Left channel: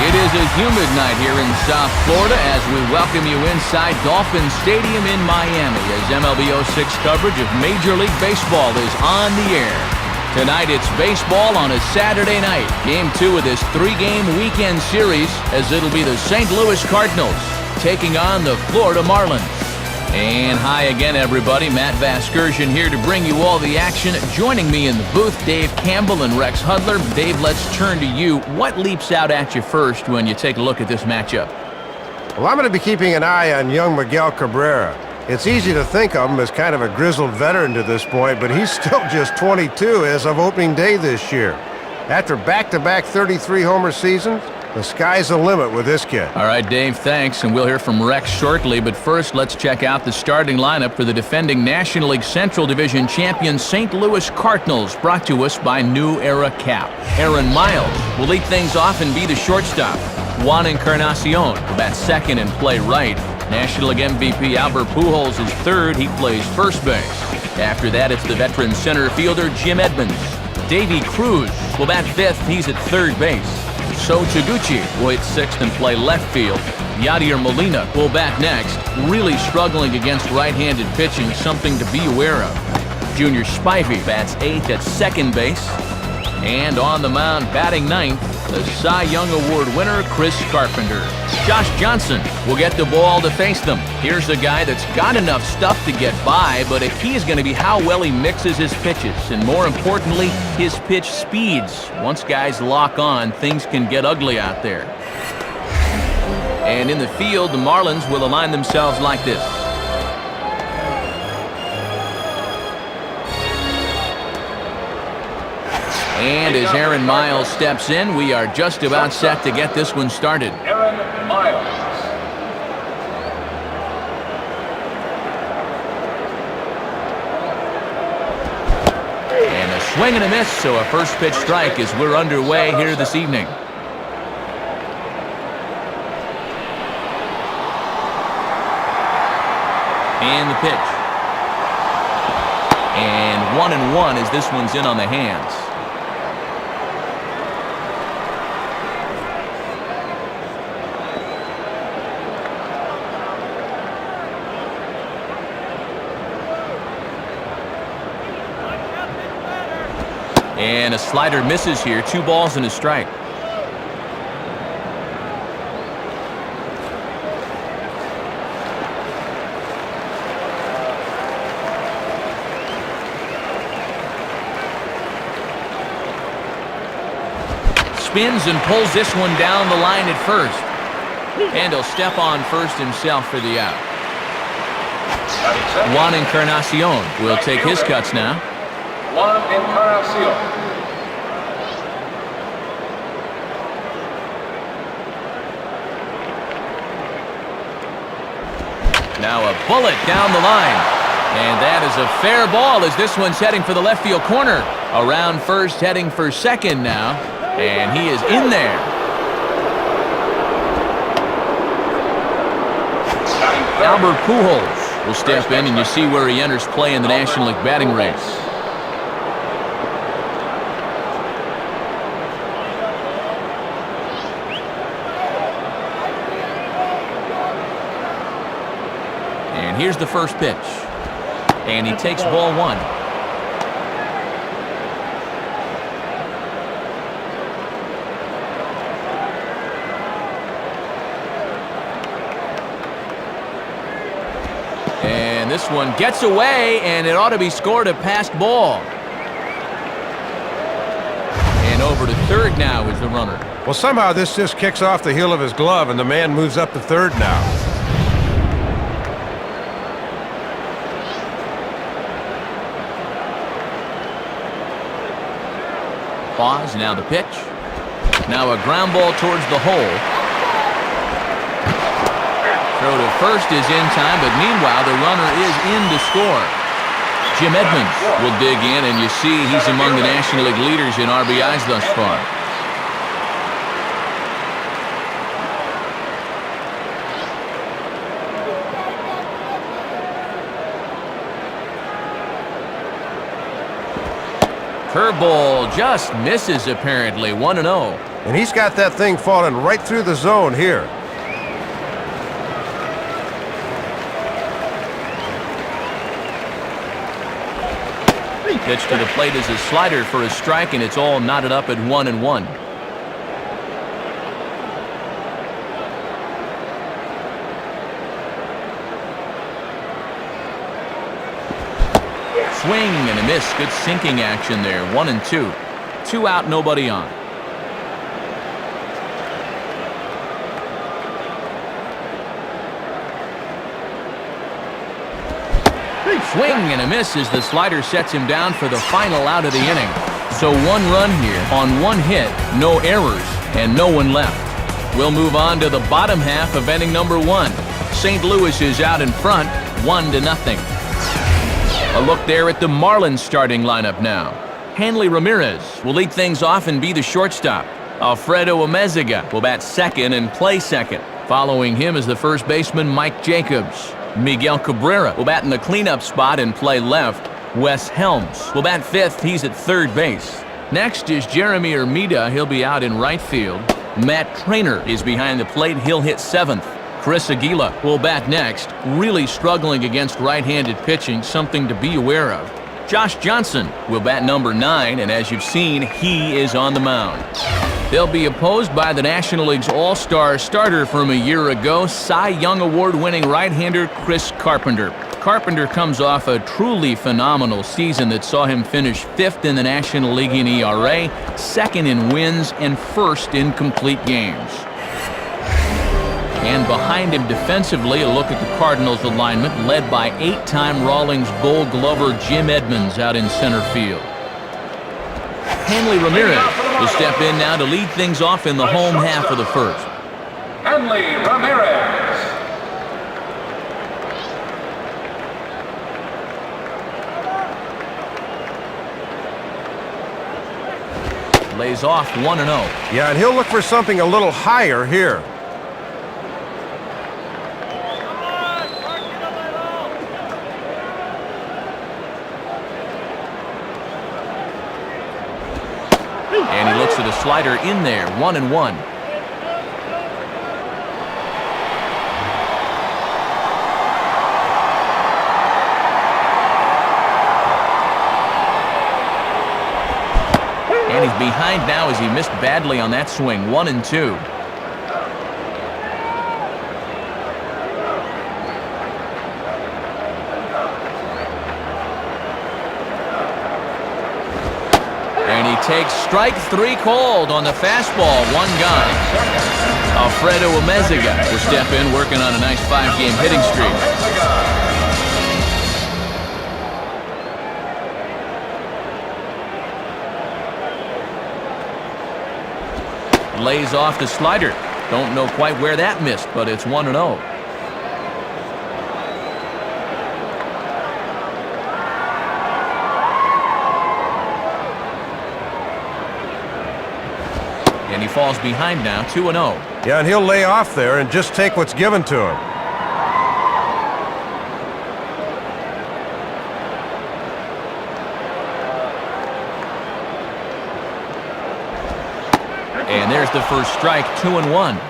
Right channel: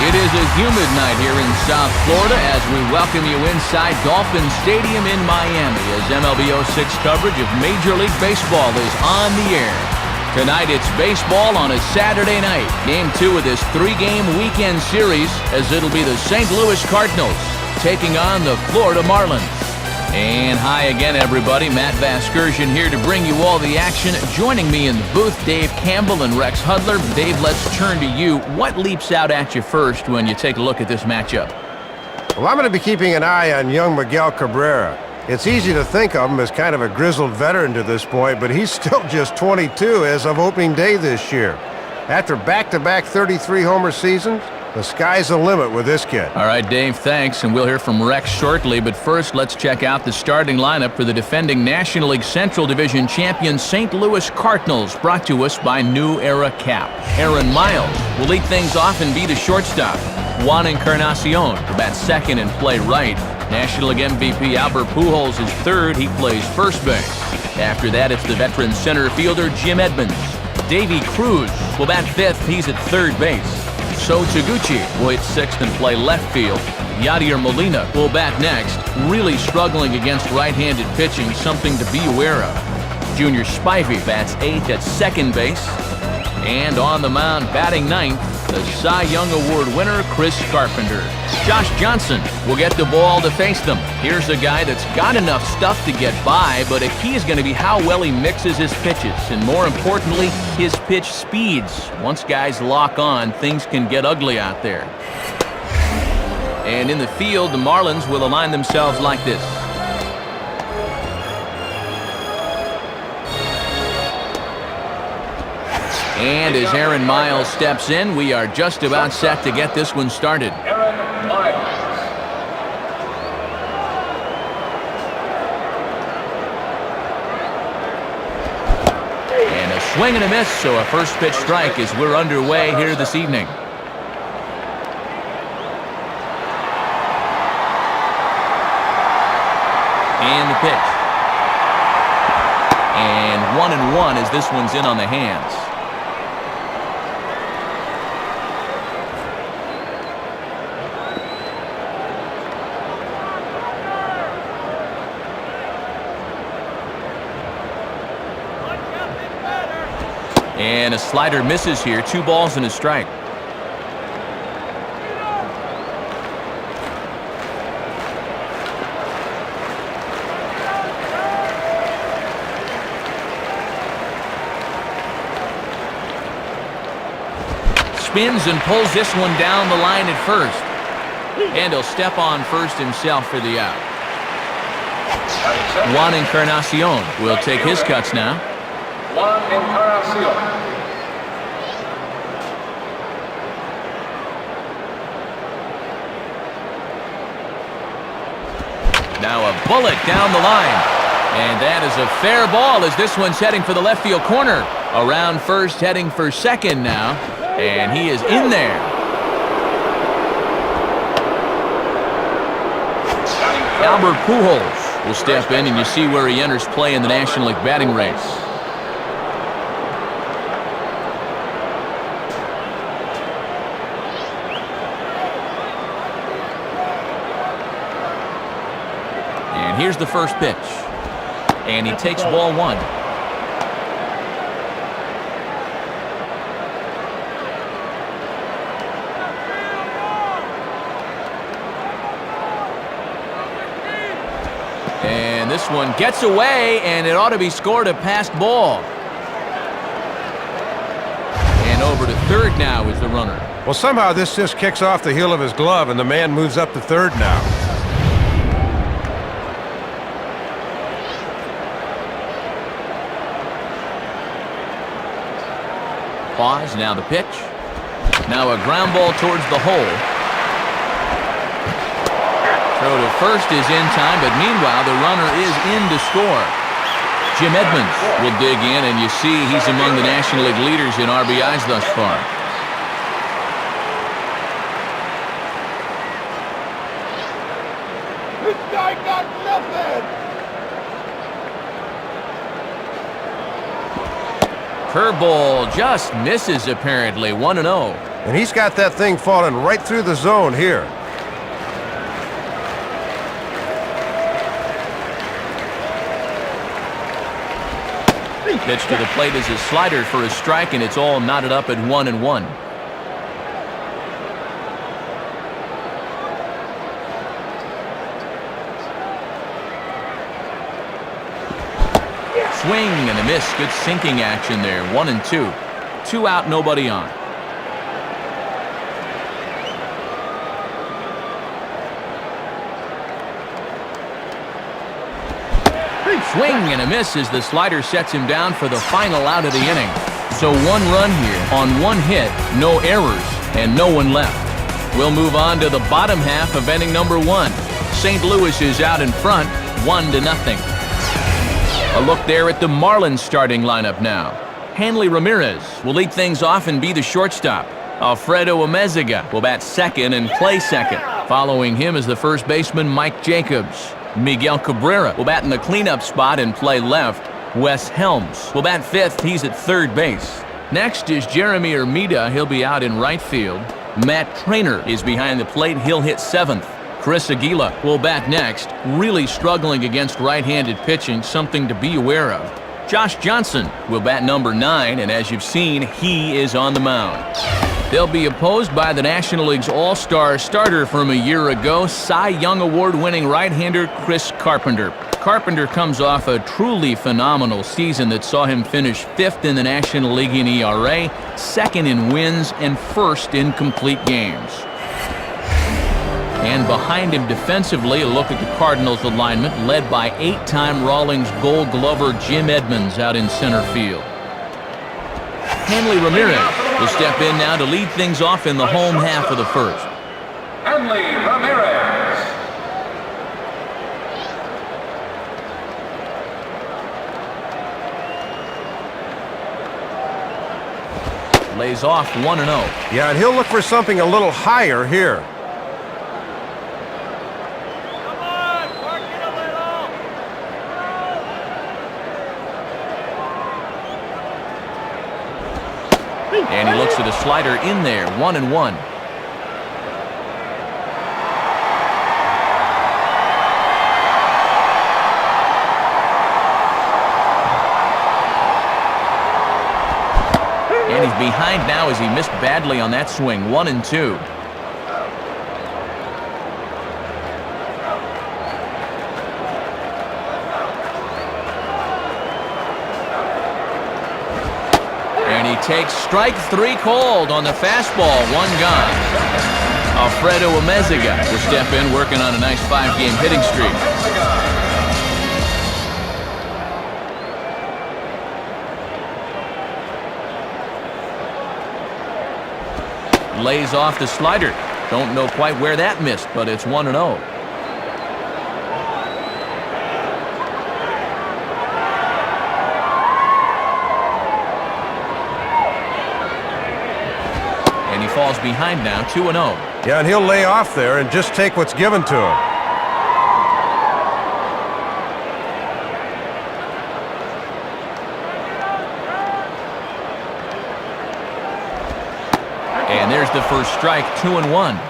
It is a humid night here in South Florida as we welcome you inside Dolphin Stadium in Miami as MLB 06 coverage of Major League Baseball is on the air. Tonight it's baseball on a Saturday night. Game 2 of this 3-game weekend series as it'll be the St. Louis Cardinals taking on the Florida Marlins. And hi again, everybody. Matt Vasgersian here to bring you all the action. Joining me in the booth, Dave Campbell and Rex Hudler. Dave, let's turn to you. What leaps out at you first when you take a look at this matchup? Well, I'm going to be keeping an eye on young Miguel Cabrera. It's easy to think of him as kind of a grizzled veteran to this point, but he's still just 22 as of opening day this year. After back-to-back 33-homer seasons, the sky's the limit with this kid. All right, Dave, thanks, and we'll hear from Rex shortly. But first, let's check out the starting lineup for the defending National League Central Division champion St. Louis Cardinals, brought to us by New Era Cap. Aaron Miles will lead things off and be the shortstop. Juan Encarnacion will bat second and play right. National League MVP Albert Pujols is third. He plays first base. After that, it's the veteran center fielder Jim Edmonds. Davy Cruz will bat fifth. He's at third base. So Taguchi will hit sixth and play left field. Yadier Molina will bat next, really struggling against right-handed pitching, something to be aware of. Junior Spivey bats eighth at second base. And on the mound, batting ninth, the Cy Young Award winner, Chris Carpenter. Josh Johnson will get the ball to face them. Here's a guy that's got enough stuff to get by, but a key is going to be how well he mixes his pitches, and more importantly, his pitch speeds. Once guys lock on, things can get ugly out there. And in the field, the Marlins will align themselves like this. And as Aaron Miles steps in, we are just about set to get this one started. Aaron Miles. And a swing and a miss, so a first pitch strike as we're underway here this evening. And the pitch. And 1-1 as this one's in on the hands. And a slider misses here. 2 balls and a strike. Spins and pulls this one down the line at first. And he'll step on first himself for the out. Juan Encarnacion will take his cuts now. Juan Encarnacion. Now a bullet down the line. And that is a fair ball as this one's heading for the left field corner. Around first, heading for second now. And he is in there. Albert Pujols will step in, and you see where he enters play in the National League batting race. And here's the first pitch. And he takes ball one. And this one gets away, and it ought to be scored a passed ball. And over to third now is the runner. Well, somehow this just kicks off the heel of his glove, and the man moves up to third now. Pause, now the pitch. Now a ground ball towards the hole. Throw to first is in time, but meanwhile the runner is in to score. Jim Edmonds will dig in, and you see he's among the National League leaders in RBIs thus far. This guy got nothing. Curveball just misses apparently. 1-0. And he's got that thing falling right through the zone here. Pitch to the plate is a slider for a strike, and it's all knotted up at 1-1. Swing and a miss. Good sinking action there. 1-2. 2 out, nobody on. Swing and a miss as the slider sets him down for the final out of the inning. So 1 run here on 1 hit, no errors, and no one left. We'll move on to the bottom half of inning number 1. St. Louis is out in front, 1-0. A look there at the Marlins starting lineup now. Hanley Ramirez will lead things off and be the shortstop. Alfredo Amezaga will bat second and play second. Following him is the first baseman Mike Jacobs. Miguel Cabrera will bat in the cleanup spot and play left. Wes Helms will bat fifth. He's at third base. Next is Jeremy Hermida. He'll be out in right field. Matt Trainer is behind the plate. He'll hit seventh. Chris Aguila will bat next. Really struggling against right-handed pitching, something to be aware of. Josh Johnson will bat number 9, and as you've seen, he is on the mound. They'll be opposed by the National League's all-star starter from a year ago, Cy Young Award-winning right-hander Chris Carpenter. Carpenter comes off a truly phenomenal season that saw him finish 5th in the National League in ERA, 2nd in wins, and 1st in complete games. And behind him defensively, a look at the Cardinals' alignment, led by 8-time Rawlings Gold Glover Jim Edmonds out in center field. Hanley Ramirez will step in now to lead things off in the home half of the first. Hanley Ramirez. Lays off 1-0. Yeah, and he'll look for something a little higher here. And he looks at a slider in there, 1-1. And he's behind now as he missed badly on that swing, 1-2. And he takes strike 3 called on the fastball, 1 gone. Alfredo Amezaga will step in, working on a nice 5-game hitting streak. Lays off the slider. Don't know quite where that missed, but it's 1-0. And he falls behind now, 2-0. Yeah, and he'll lay off there and just take what's given to him. And there's the first strike, 2-1.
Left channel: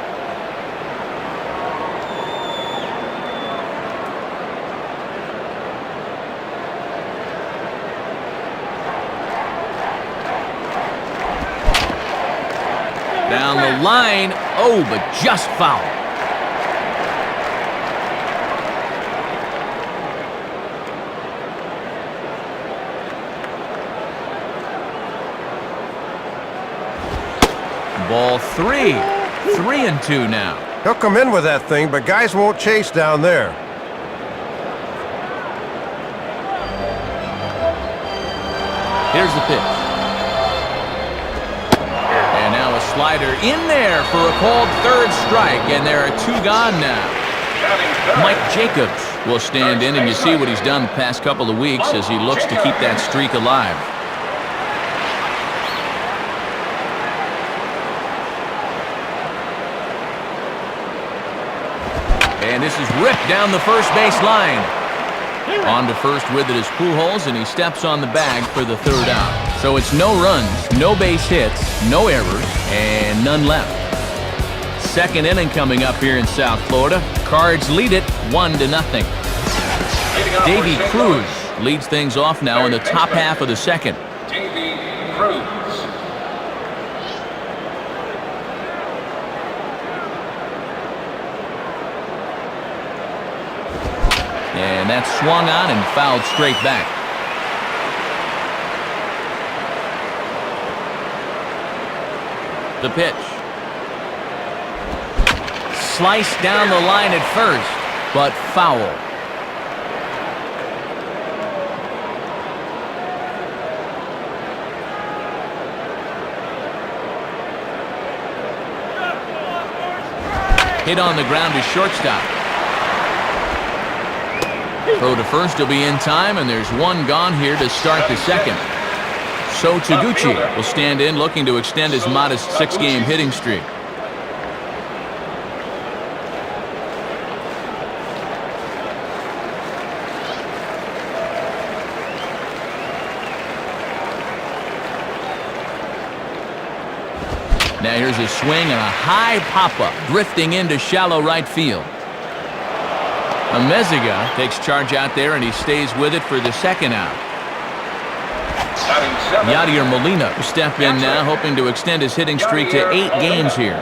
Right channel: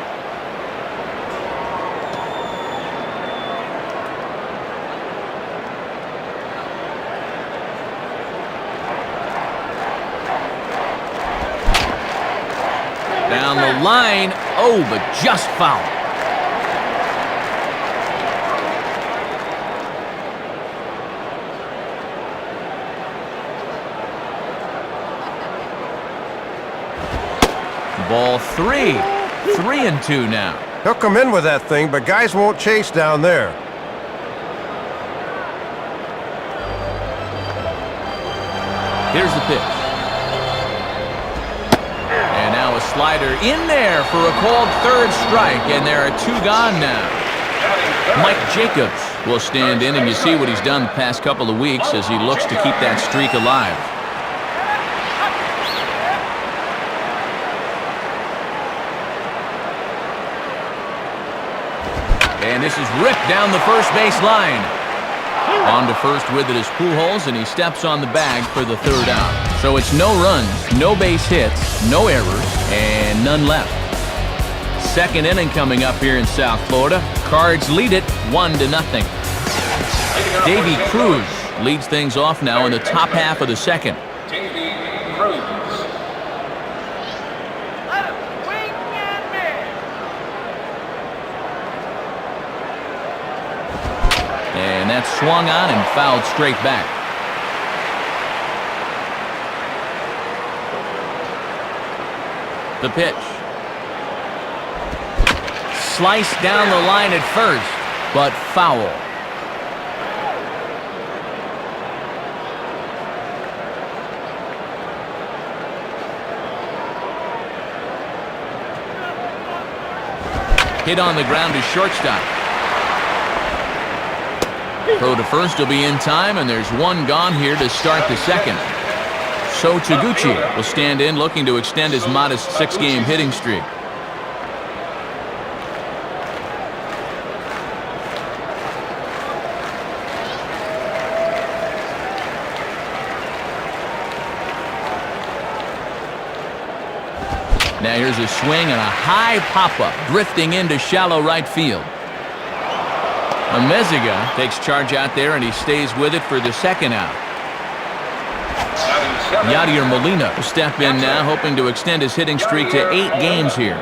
Down the line, oh, but just foul. Ball 3. 3-2 now. He'll come in with that thing, but guys won't chase down there. Here's the pitch. And now a slider in there for a called third strike, and there are 2 gone now. Mike Jacobs will stand in, and you see what he's done the past couple of weeks as he looks to keep that streak alive. And this is ripped down the first base line. On to first with it is Pujols, and he steps on the bag for the 3rd out. So it's no runs, no base hits, no errors, and none left. Second inning coming up here in South Florida. Cards lead it 1-0. Davy Cruz leads things off now in the top half of the second. Davy Cruz. And that's swung on and fouled straight back. The pitch. Sliced down the line at first, but foul. Hit on the ground to shortstop. Throw to first will be in time, and there's one gone here to start the second. So Taguchi will stand in, looking to extend his modest 6-game hitting streak. Now here's a swing and a high pop-up, drifting into shallow right field. Amezaga takes charge out there, and he stays with it for the second out. Yadier Molina will step in now, hoping to extend his hitting streak to 8 games here.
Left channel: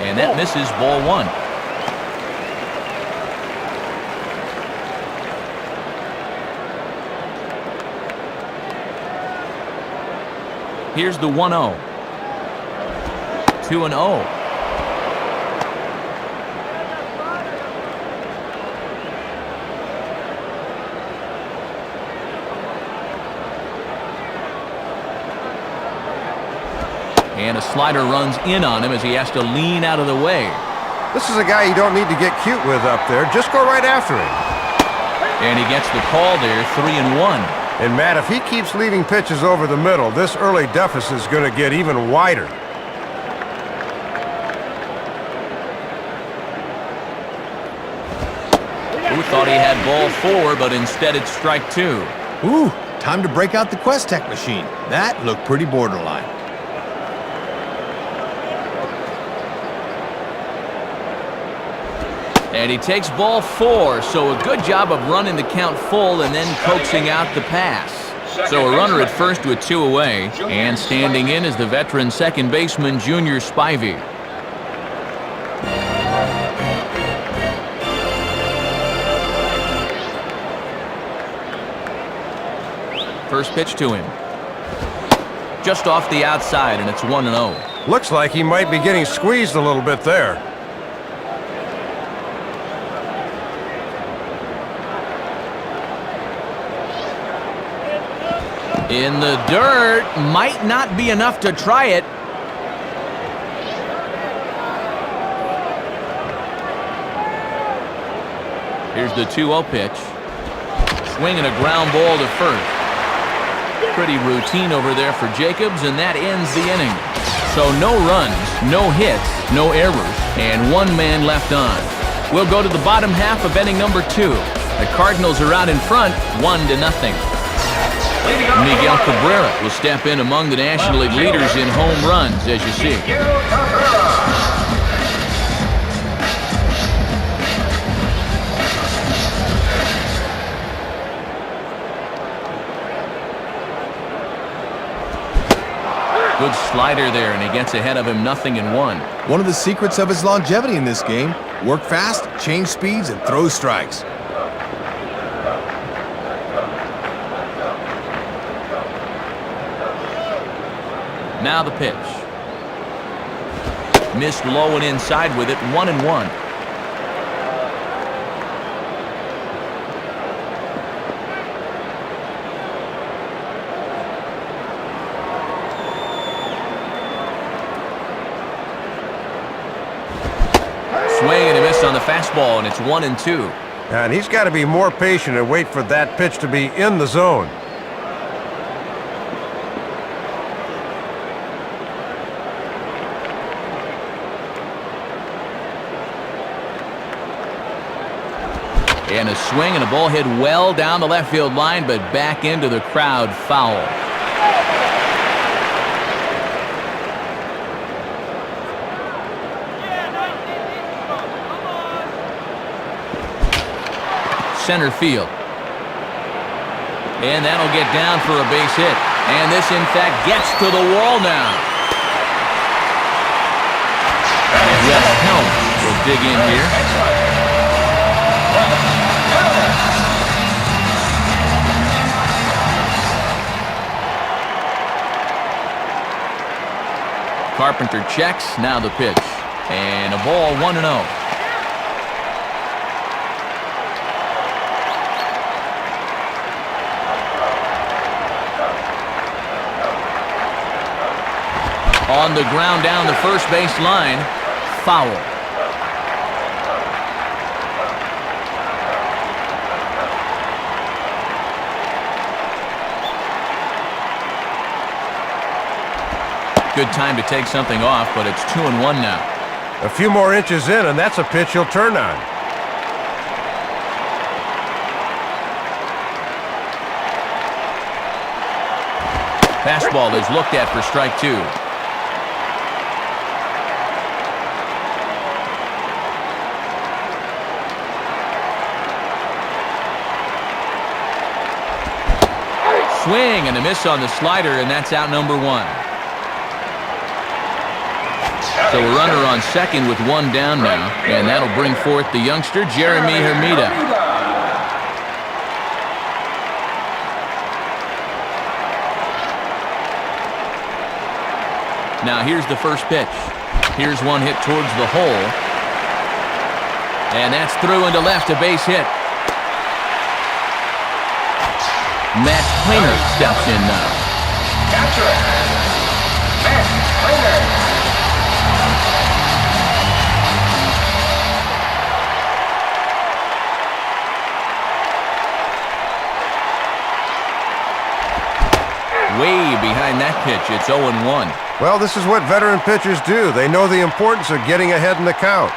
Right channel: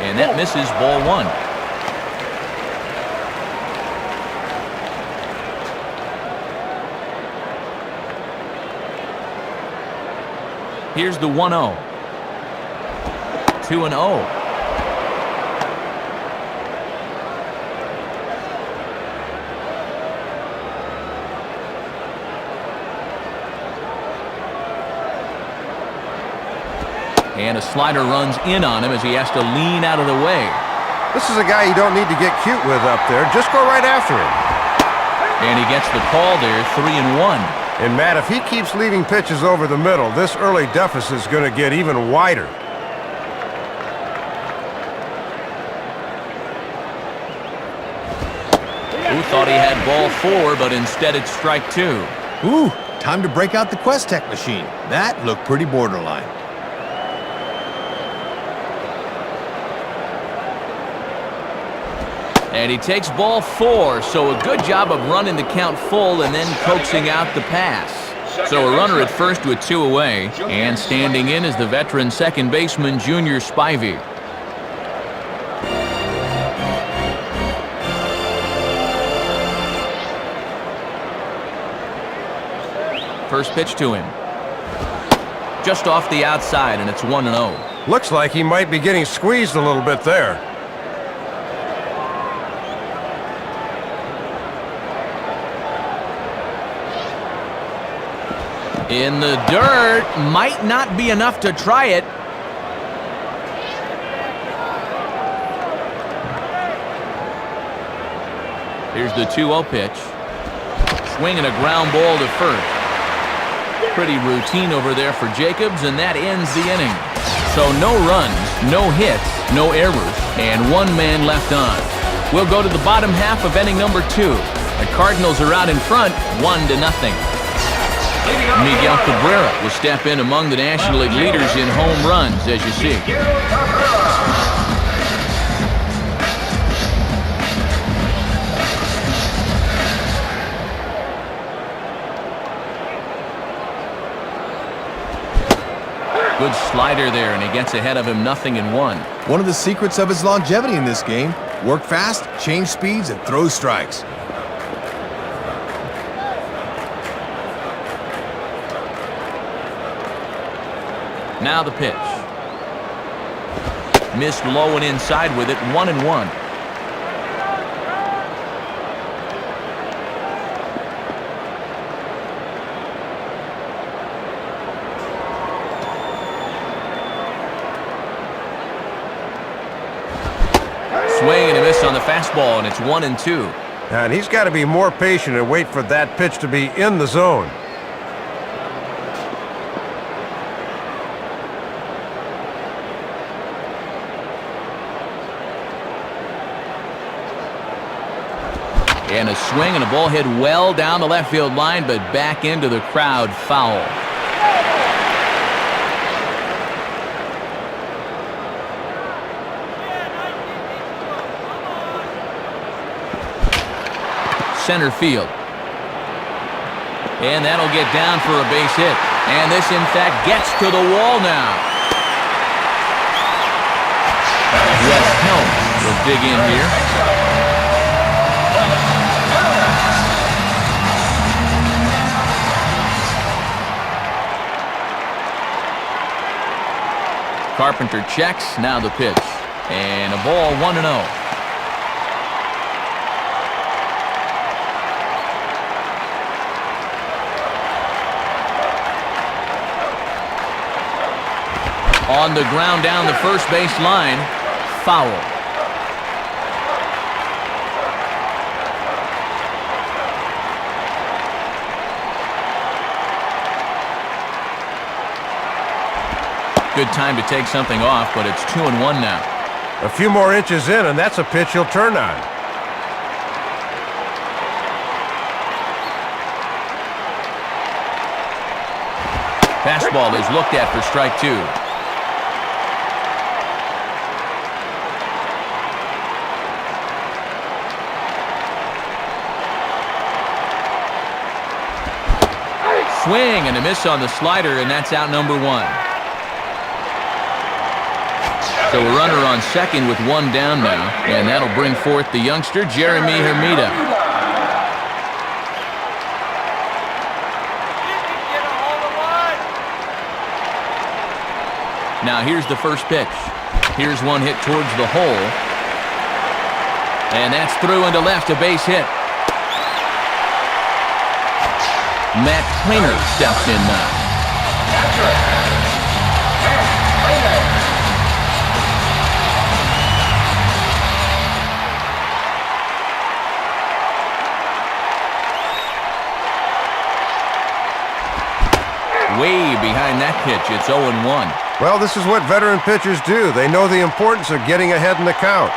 And that misses, ball 1. Here's the 1-0. 2-0. And a slider runs in on him as he has to lean out of the way. This is a guy you don't need to get cute with up there. Just go right after him. And he gets the call there, 3-1. And Matt, if he keeps leaving pitches over the middle, this early deficit is going to get even wider. Who thought he had ball 4, but instead it's strike 2. Ooh, time to break out the Quest-Tech machine. That looked pretty borderline. And he takes ball 4, so a good job of running the count full and then coaxing out the pass. So a runner at first with 2 away, and standing in is the veteran second baseman Junior Spivey. First pitch to him. Just off the outside, and it's 1-0. Looks like he might be getting squeezed a little bit there. In the dirt, might not be enough to try it. Here's the 2-0 pitch. Swinging a ground ball to first. Pretty routine over there for Jacobs, and that ends the inning. So no runs, no hits, no errors, and 1 man left on. We'll go to the bottom half of inning number 2. The Cardinals are out in front, 1-0. Miguel Cabrera will step in among the National League leaders in home runs, as you see. Good slider there, and he gets ahead of him, 0-1. One of the secrets of his longevity in this game: work fast, change speeds, and throw strikes. Now the pitch. Missed low and inside with it, 1-1. Swing and a miss on the fastball, and it's 1-2. And he's got to be more patient and wait for that pitch to be in the zone. And a swing and a ball hit well down the left field line, but back into the crowd, foul. Center field. And that'll get down for a base hit. And this, in fact, gets to the wall now. Wes Helms will dig in here. Carpenter checks. Now the pitch. And a ball 1-0. On the ground down the first base line, foul. Good time to take something off, but it's 2-1 now. A few more inches in, and that's a pitch he'll turn on. Fastball is looked at for strike two. Swing and a miss on the slider, and that's out number one. So a runner on second with one down now, and that'll bring forth the youngster, Jeremy Hermida. Now here's the first pitch. Here's one hit towards the hole. And that's through into left, a base hit. Matt Plainer steps in now. Catcher, Matt Plainer. Way behind that pitch, it's 0-1. Well, this is what veteran pitchers do. They know the importance of getting ahead in the count.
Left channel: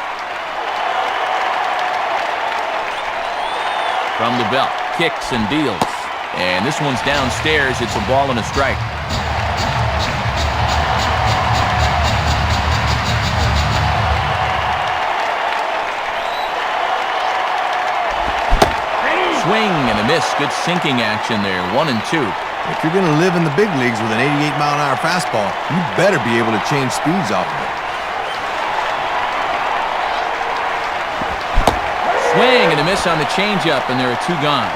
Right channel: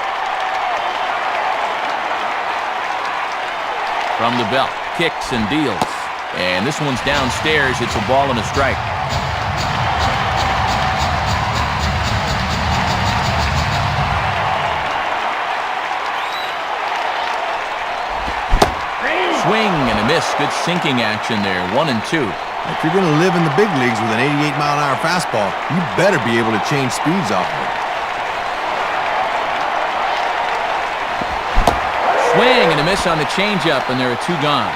From the belt, kicks and deals. And this one's downstairs. It's a ball and a strike. Swing and a miss. Good sinking action there. 1-2. If you're going to live in the big leagues with an 88-mile-an-hour fastball, you better be able to change speeds off of it. Swing and a miss on the changeup, and there are two gone.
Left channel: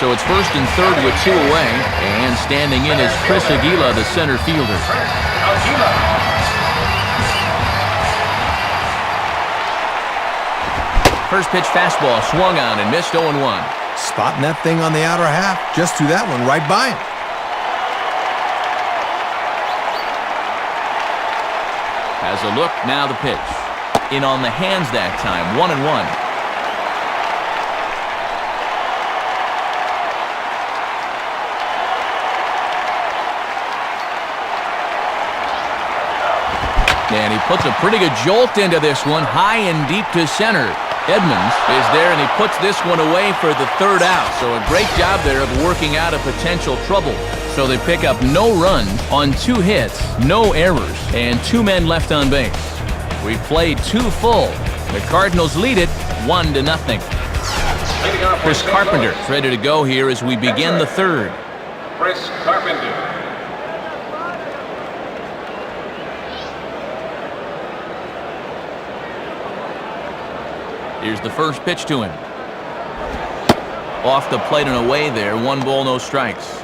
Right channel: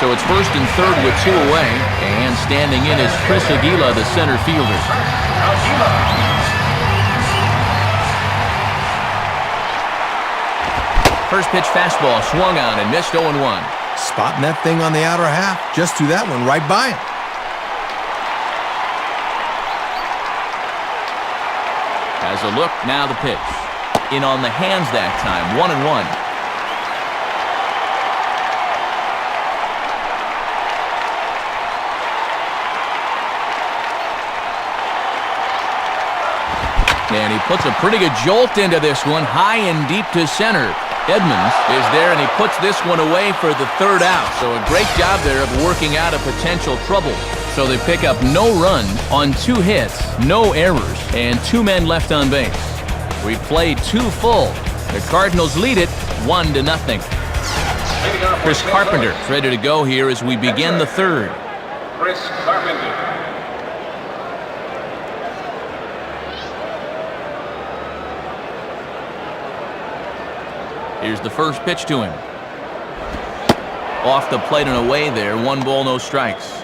So it's first and third with two away, and standing in is Chris Aguila, the center fielder. First pitch fastball swung on and missed 0-1. Spotting that thing on the outer half, just threw that one right by him. Has a look, now the pitch. In on the hands that time, 1-1. And he puts a pretty good jolt into this one, high and deep to center. Edmonds is there, and he puts this one away for the third out. So a great job there of working out a potential trouble. So they pick up no runs on two hits, no errors, and two men left on base. We've played two full. The Cardinals lead it 1-0. Chris Carpenter is ready to go here as we begin the third. Chris Carpenter. Here's the first pitch to him. Off the plate and away there. 1 ball, no strikes.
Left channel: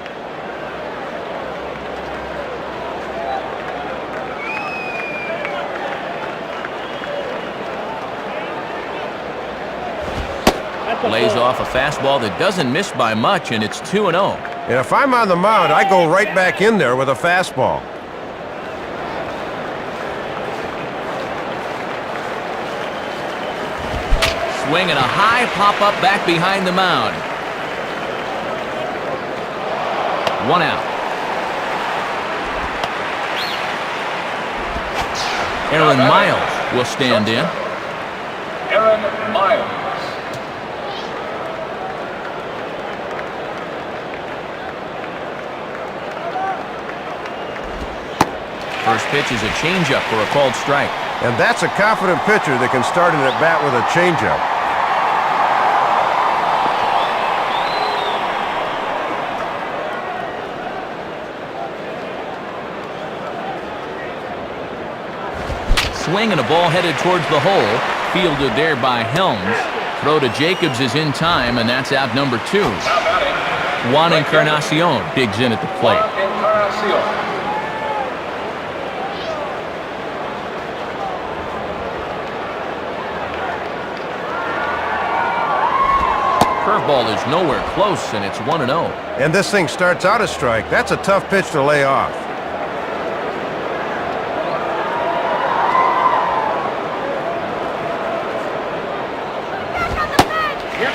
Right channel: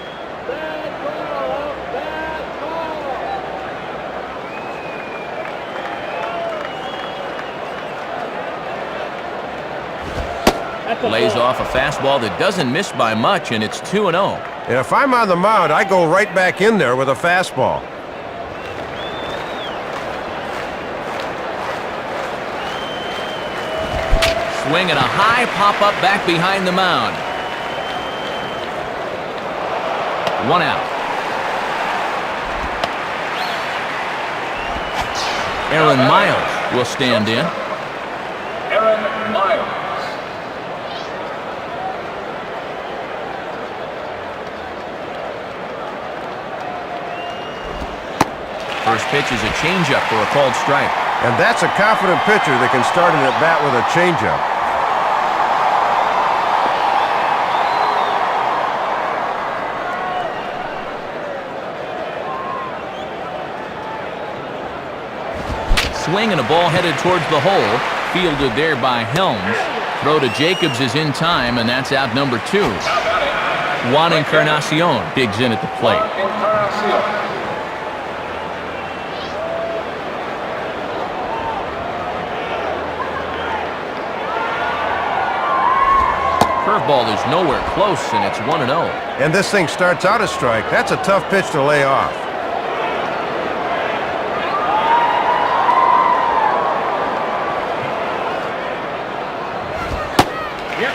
Lays off a fastball that doesn't miss by much, and it's 2-0. And if I'm on the mound, I go right back in there with a fastball. Swing and a high pop-up back behind the mound. 1 out. Aaron Miles will stand in. Aaron Kevin Miles. First pitch is a changeup for a called strike. And that's a confident pitcher that can start an at-bat with a changeup. Swing and a ball headed towards the hole. Fielded there by Helms. Throw to Jacobs is in time, and that's out number 2. Now batting, Juan Encarnacion digs in at the plate. Juan Encarnacion. Curveball is nowhere close, and it's 1-0. And this thing starts out a strike. That's a tough pitch to lay off.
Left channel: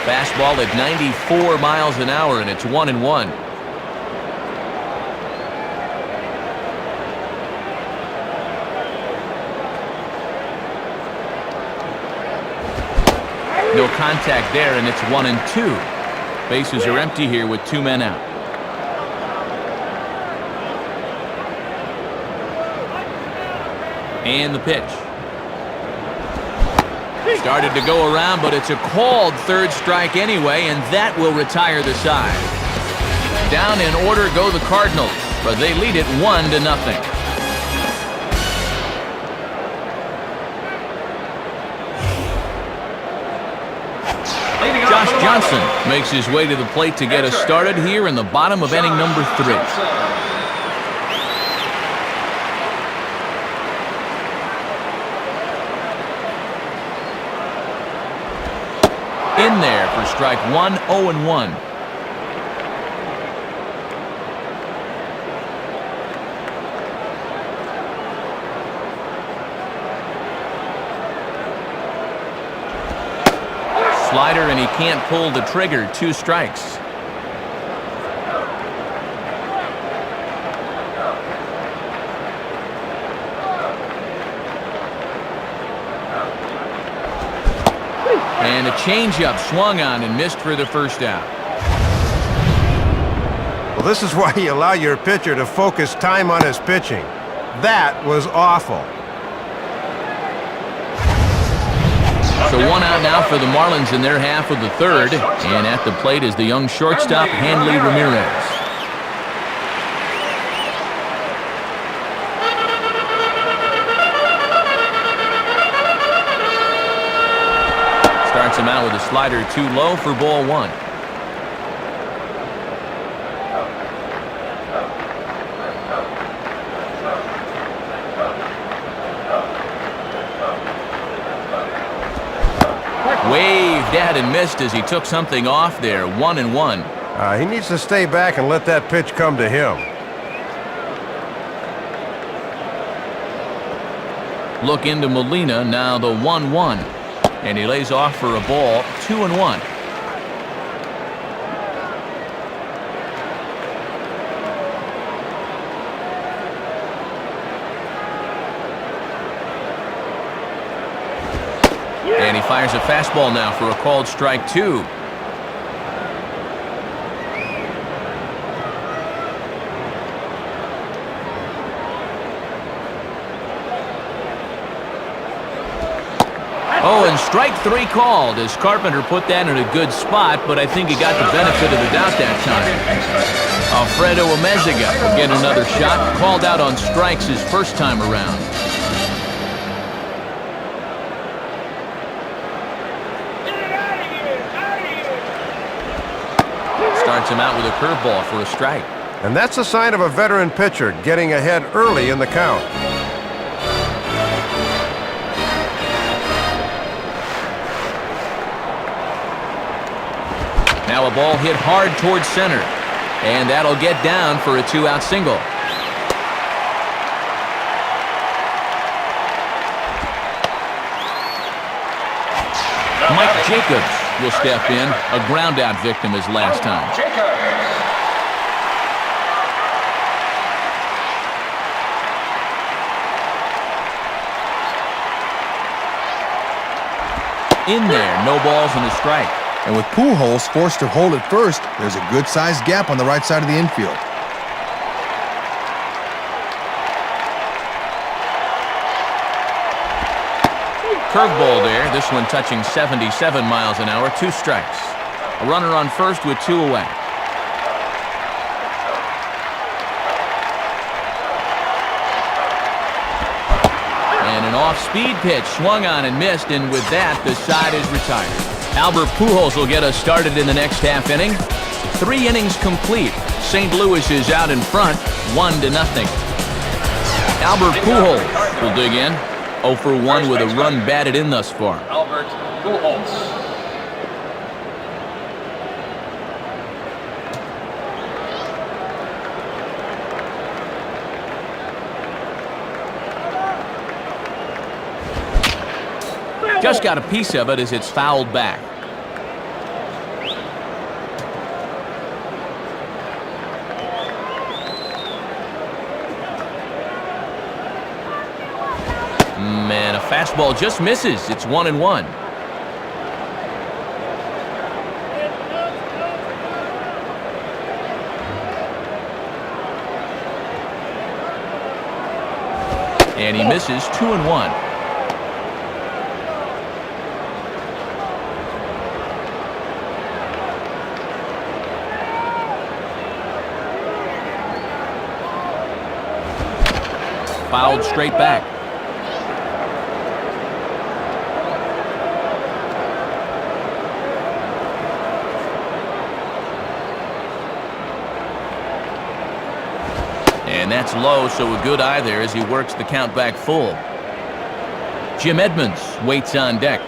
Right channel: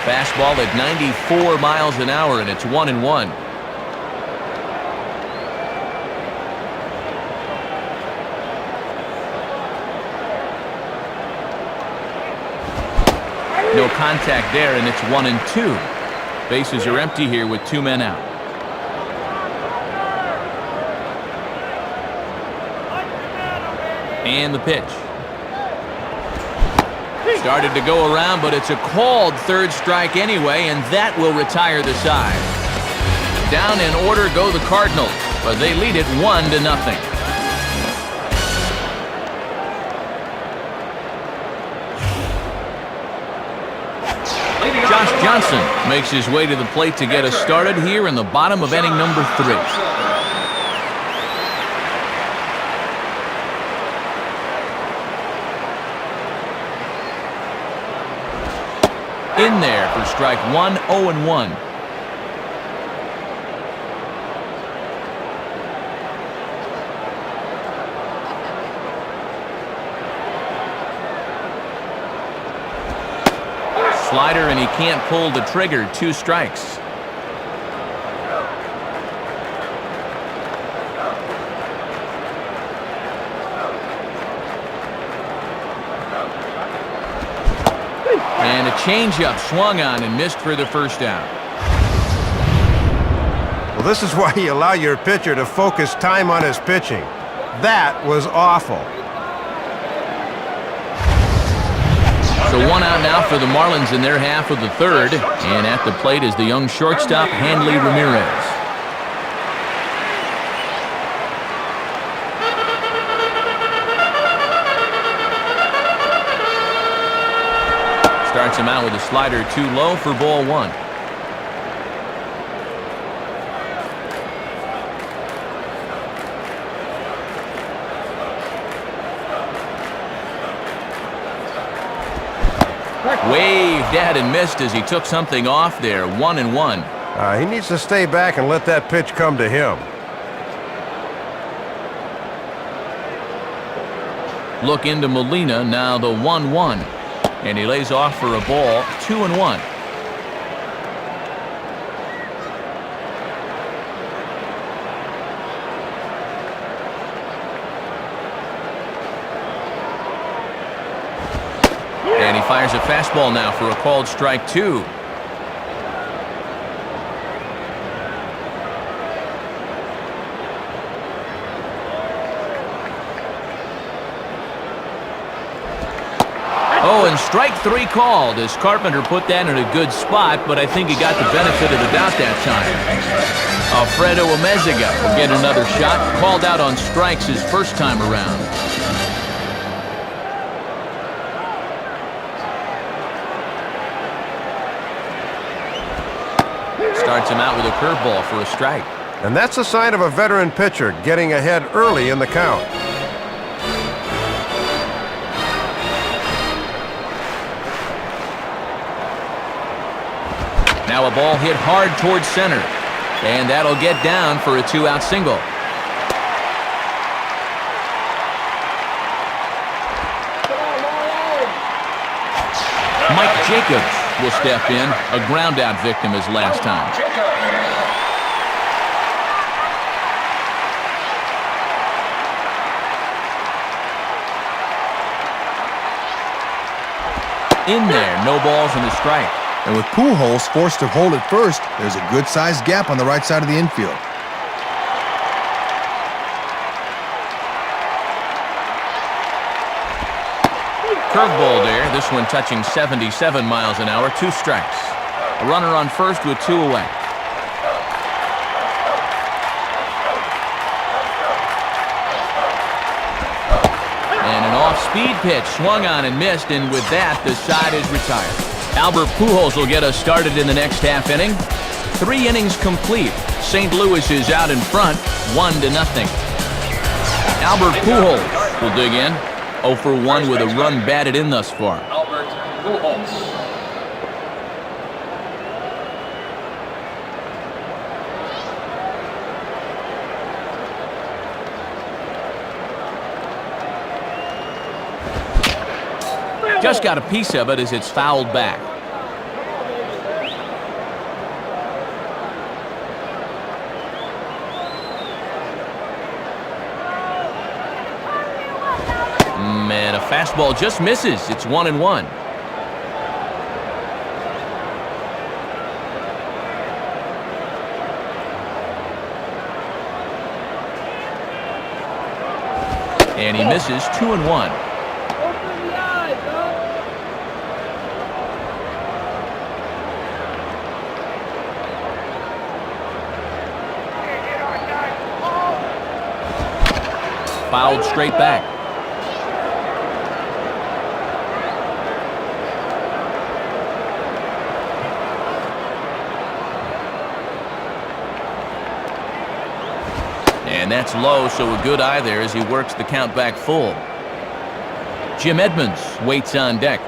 Fastball at 94 miles an hour, and it's 1-1. No contact there, and it's 1-2. Bases are empty here with 2 men out. And the pitch. Started to go around, but it's a called third strike anyway, and that will retire the side. Down in order go the Cardinals, but they lead it 1-0. Josh Johnson makes his way to the plate to get us started here in the bottom of inning number 3. In there for strike 1, 0-1. Slider, and he can't pull the trigger. 2 strikes. And a changeup swung on and missed for the first out. Well, this is why you allow your pitcher to focus time on his pitching. That was awful. So 1 out now for the Marlins in their half of the 3rd. And at the plate is the young shortstop, Hanley Ramirez. Starts him out with a slider too low for ball 1. Waved at and missed as he took something off there. 1-1. He needs to stay back and let that pitch come to him. Look into Molina, now the 1-1. And he lays off for a ball. 2-1. And he fires a fastball now for a called strike 2. Oh, and strike 3 called as Carpenter put that in a good spot, but I think he got the benefit of the doubt that time. Alfredo Amezaga will get another shot, called out on strikes his first time around. Starts him out with a curveball for a strike. And that's a sign of a veteran pitcher getting ahead early in the count. Now a ball hit hard towards center. And that'll get down for a 2-out single. Mike Jacobs will step in. A ground-out victim as last time. In there, no balls and a strike. And with Pujols forced to hold at first, there's a good-sized gap on the right side of the infield. Curveball there, this one touching 77 miles an hour, 2 strikes. A runner on first with 2 away. And an off-speed pitch, swung on and missed, and with that, the side is retired. Albert Pujols will get us started in the next half inning. 3 innings complete. St. Louis is out in front, 1-0. Albert Pujols will dig in. 0 for 1 with a run batted in thus far. Albert Pujols. Just got a piece of it as it's fouled back. Man, a fastball just misses. It's 1-1. And he misses 2-1. Fouled straight back. And that's low, so a good eye there as he works the count back full. Jim Edmonds waits on deck.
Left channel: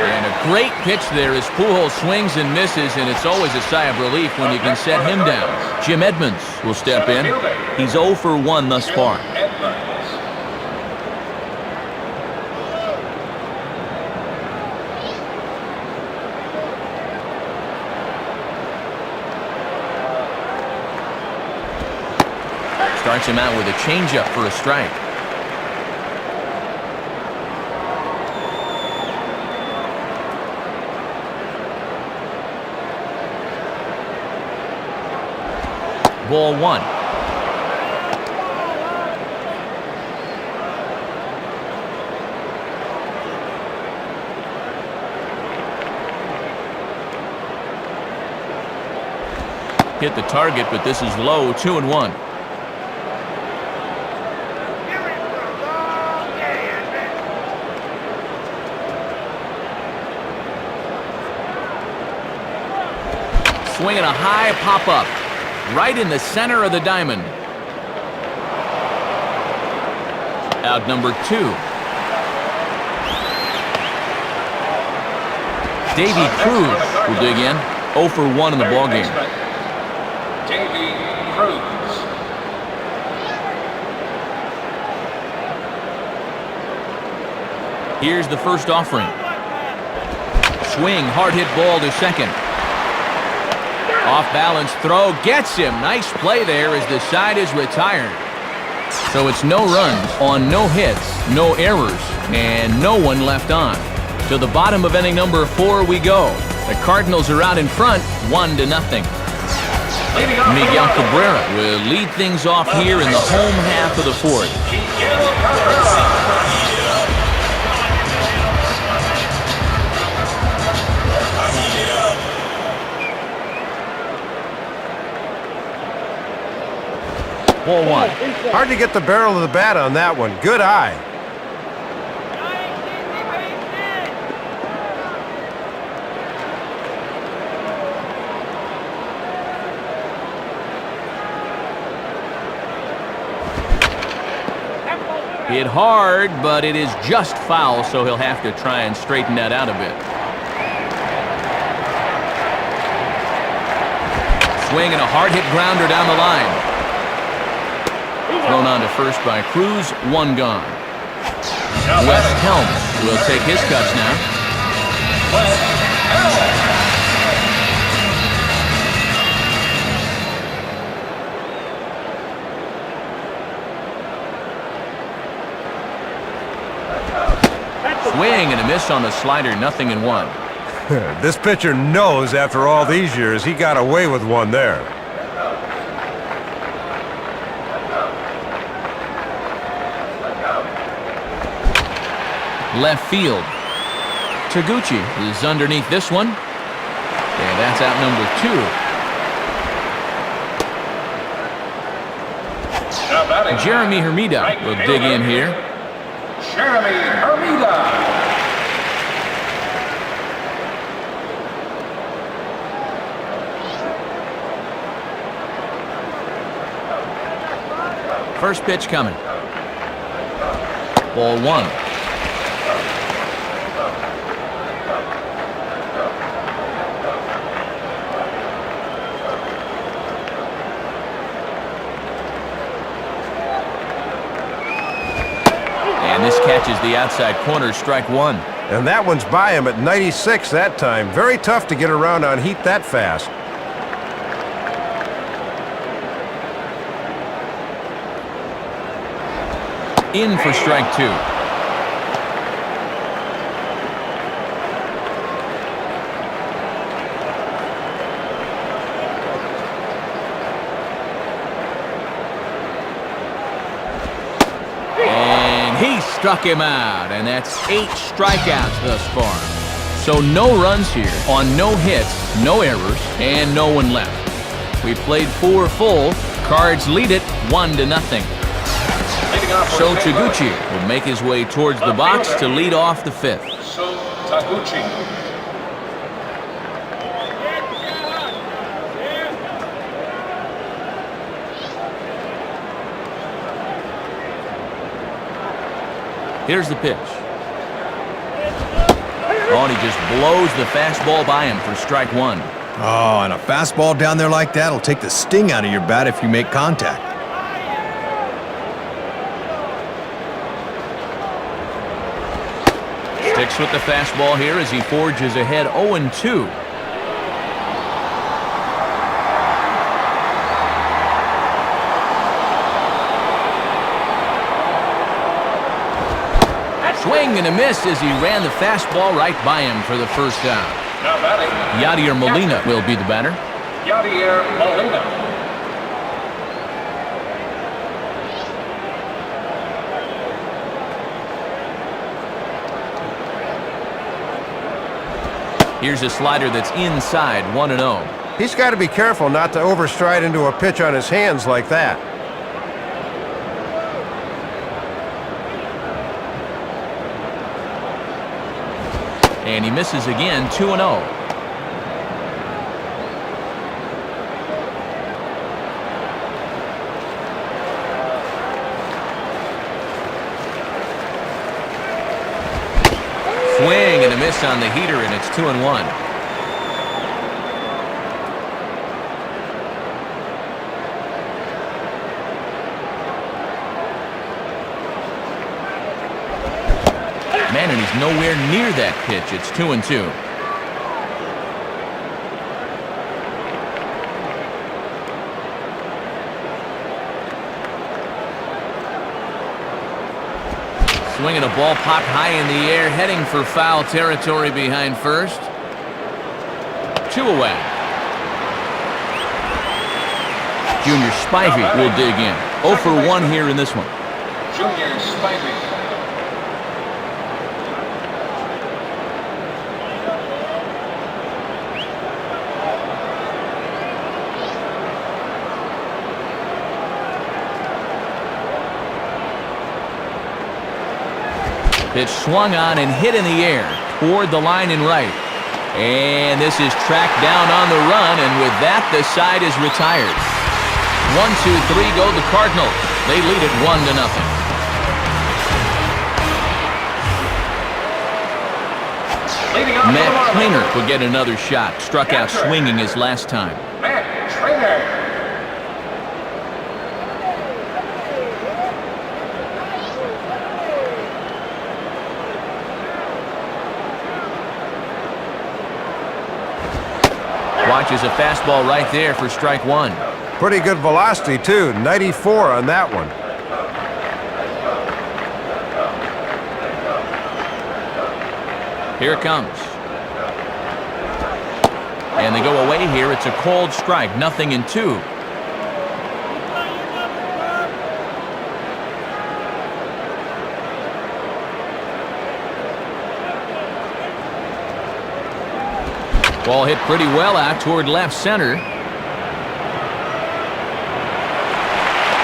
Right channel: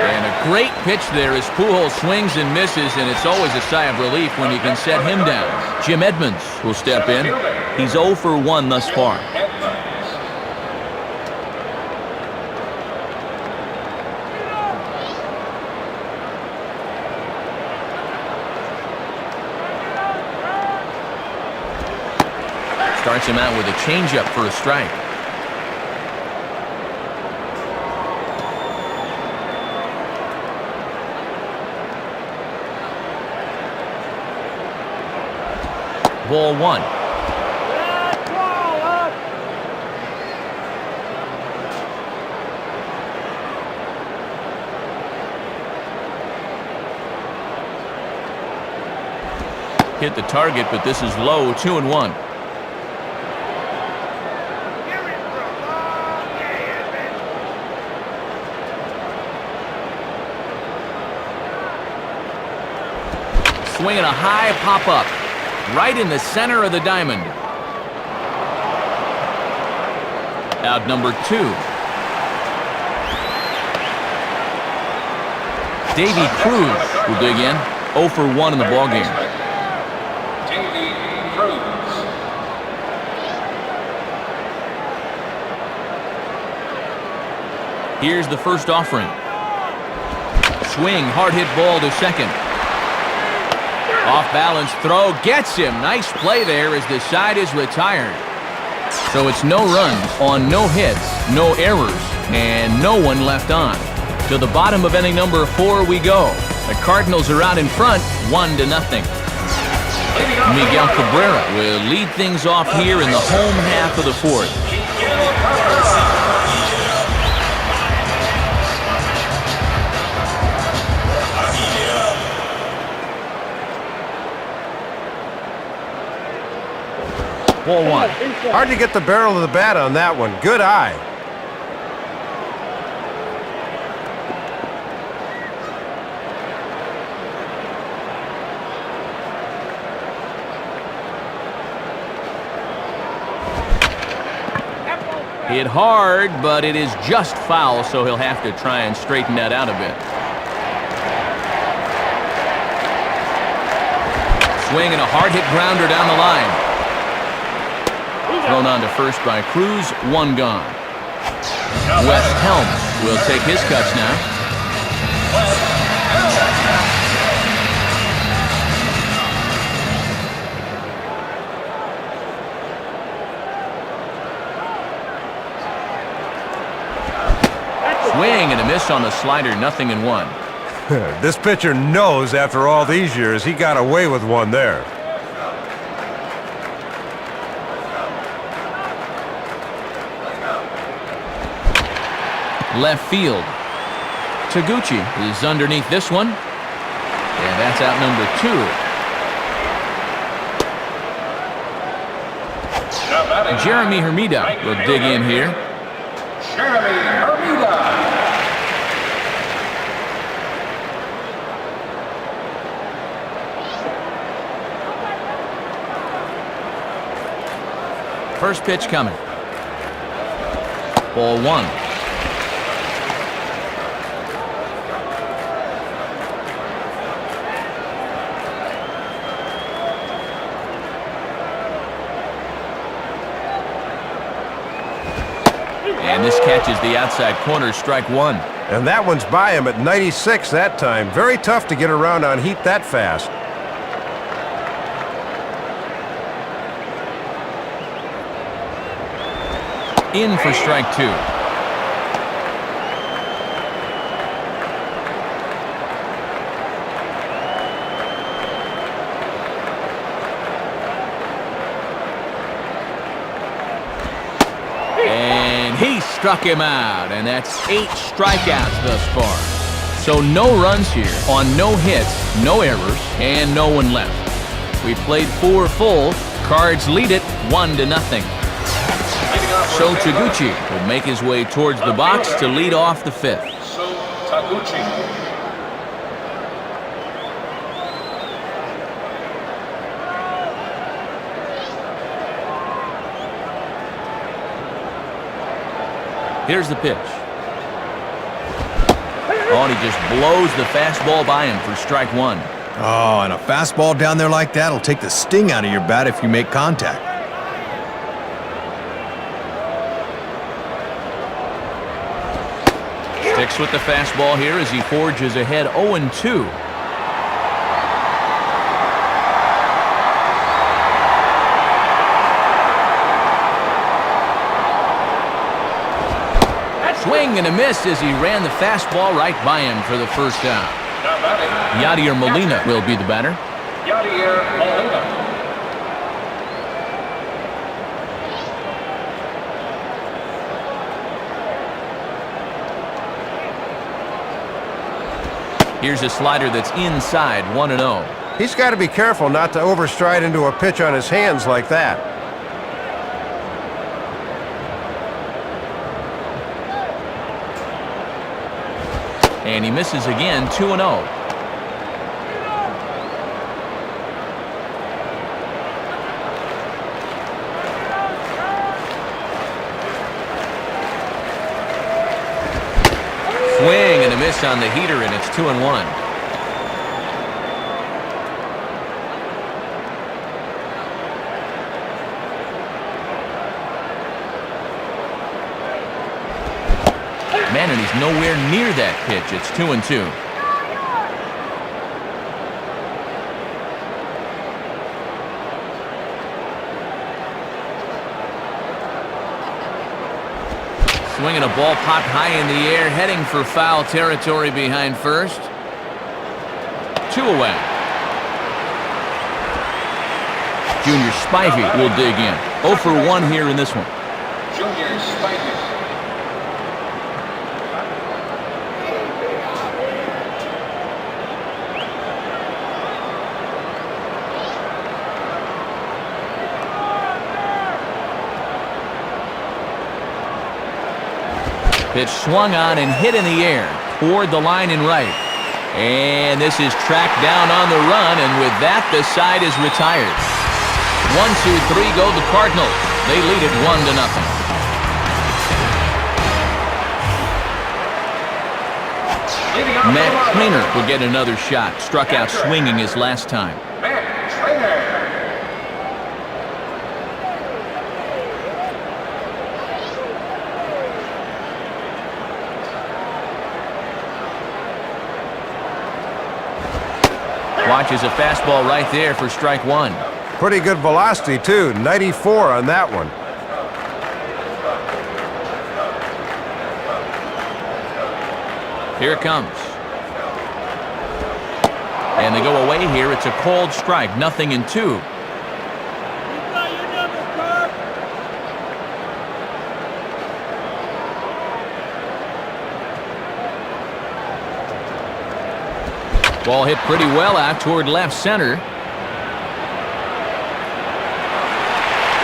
And a great pitch there as Pujols swings and misses, and it's always a sigh of relief when you can set him down. Jim Edmonds will step in. He's 0 for 1 thus far. Starts him out with a changeup for a strike. Ball 1. Hit the target, but this is low, 2-1. Swinging a high pop-up. Right in the center of the diamond. Out number 2. Davy Cruz will dig in. 0 for 1 in the ballgame. Davy Cruz. Here's the first offering. Swing, hard hit ball to second. Off balance throw, gets him. Nice play there as the side is retired. So it's no runs on no hits, no errors, and no one left on. To the bottom of inning number 4 we go. The Cardinals are out in front, 1-0. Miguel Cabrera will lead things off here in the home half of the 4th. Ball 1. Hard to get the barrel of the bat on that one. Good eye. Hit hard, but it is just foul, so he'll have to try and straighten that out a bit. Swing and a hard hit grounder down the line. Thrown on to first by Cruz, 1 gone. Wes Helms will take his cuts now. Swing and a miss on the slider, 0-1. This pitcher knows after all these years he got away with one there. Left field. Taguchi is underneath this one. And that's out number 2. Now batting. Jeremy Hermida Right will dig in here. Jeremy Hermida. First pitch coming. Ball 1. And this catches the outside corner, strike 1. And that one's by him at 96 that time. Very tough to get around on heat that fast. In for strike 2. And he struck him out, and that's 8 strikeouts thus far. So no runs here on no hits, no errors, and no one left. We played 4 full. Cards lead it 1-0. So Taguchi will make his way towards the box to lead off the 5th. So Taguchi. Here's the pitch. Oh, and he just blows the fastball by him for strike 1. Oh, and a fastball down there like that will take the sting out of your bat if you make contact. Sticks with the fastball here as he forges ahead 0-2. Swing and a miss as he ran the fastball right by him for the first out. Now batting. Yadier Molina will be the batter. Yadier Molina. Here's a slider that's inside, 1-0. He's got to be careful not to overstride into a pitch on his hands like that. And he misses again, 2-0. Swing and a miss on the heater, and it's 2-1. Man, and he's nowhere near that pitch. It's 2-2. Swinging a ball popped high in the air, heading for foul territory behind first. 2 away. Junior Spivey will dig in. 0 for 1 here in this one. Junior Spivey. Pitch swung on and hit in the air toward the line and right. And this is tracked down on the run, and with that, the side is retired. 1, 2, 3 go the Cardinals. They lead it 1-0. Matt Trainer will get another shot. Struck out swinging his last time. Matt Trainer. Watches a fastball right there for strike 1. Pretty good velocity, too. 94 on that one. Here it comes. And they go away here. It's a called strike, 0-2. Ball hit pretty well out toward left center.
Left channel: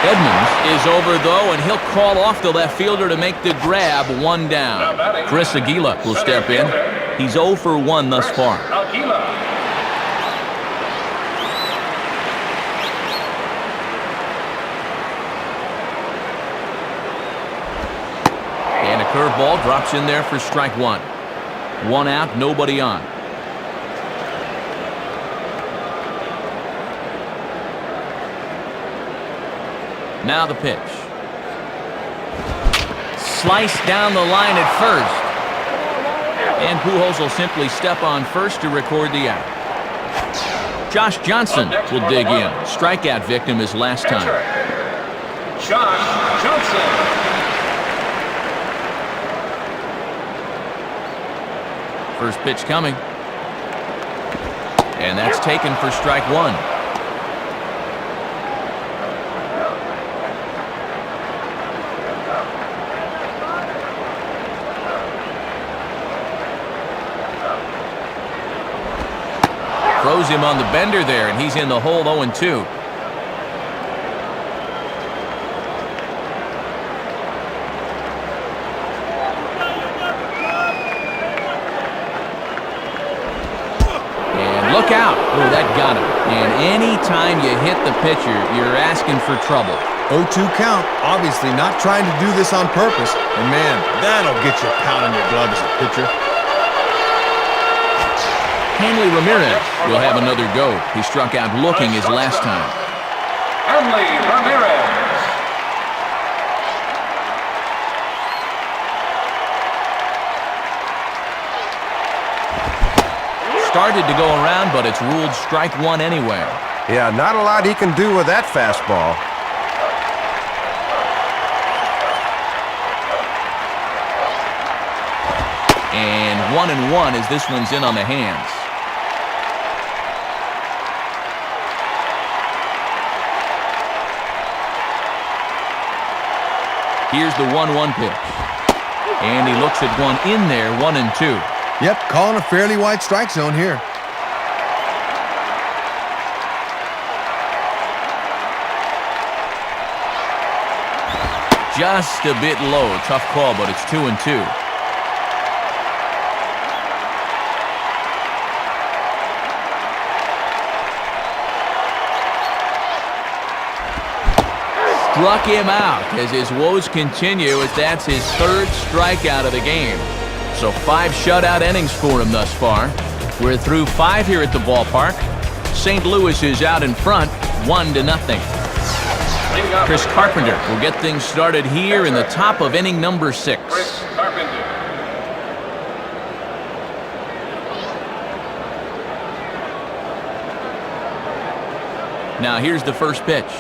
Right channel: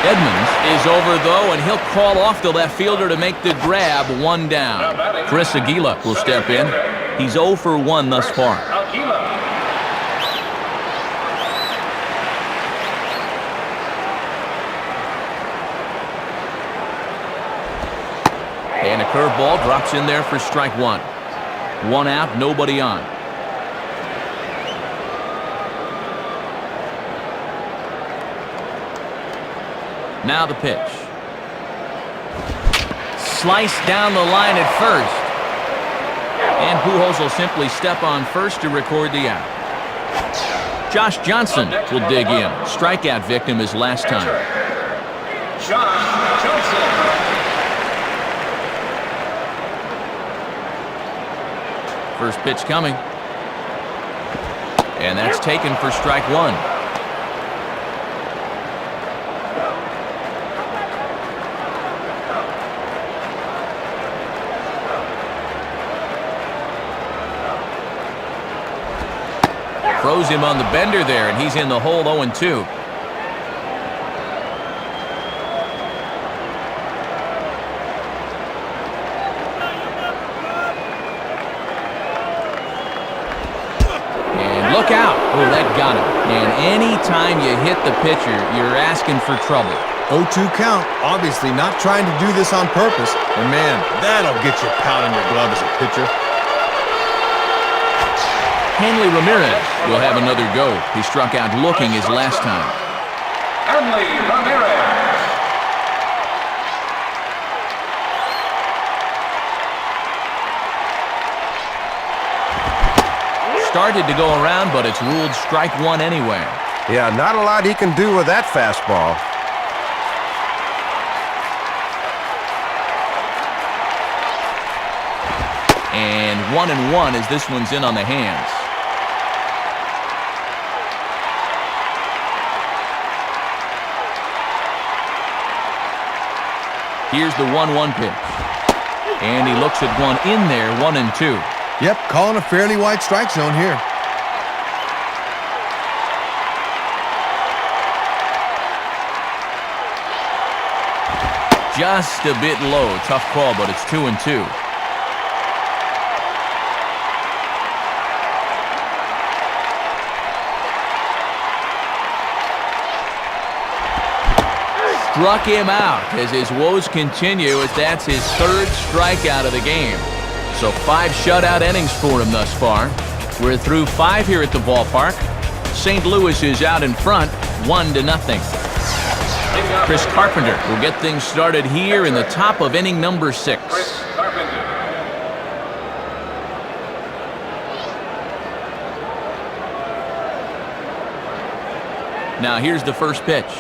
Edmonds is over, though, and he'll call off the left fielder to make the grab. 1 down. Chris Aguila will step in. He's 0 for 1 thus far. And a curveball drops in there for strike 1. 1 out, nobody on. Now the pitch. Sliced down the line at first. And Pujols will simply step on first to record the out. Josh Johnson will dig in. Strikeout victim his last time. Josh Johnson. First pitch coming. And that's taken for strike 1. Throws him on the bender there, and he's in the hole 0-2. And look out. Oh, that got him. And any time you hit the pitcher, you're asking for trouble. 0-2 count. Obviously not trying to do this on purpose. And man, that'll get you pounding your glove as a pitcher. Hanley Ramirez will have another go. He struck out looking his last time. Hanley Ramirez. Started to go around, but it's ruled strike 1 anyway. Yeah, not a lot he can do with that fastball. And 1-1 as this one's in on the hands. Here's the 1-1 pitch. And he looks at one in there, 1-2. Yep, calling a fairly wide strike zone here. Just a bit low. Tough call, but it's 2-2. Struck him out as his woes continue, as that's his 3rd strikeout of the game. So 5 shutout innings for him thus far. We're through 5 here at the ballpark. St. Louis is out in front, 1-0. Chris Carpenter will get things started here in the top of inning number 6. Chris Carpenter. Now here's the first pitch.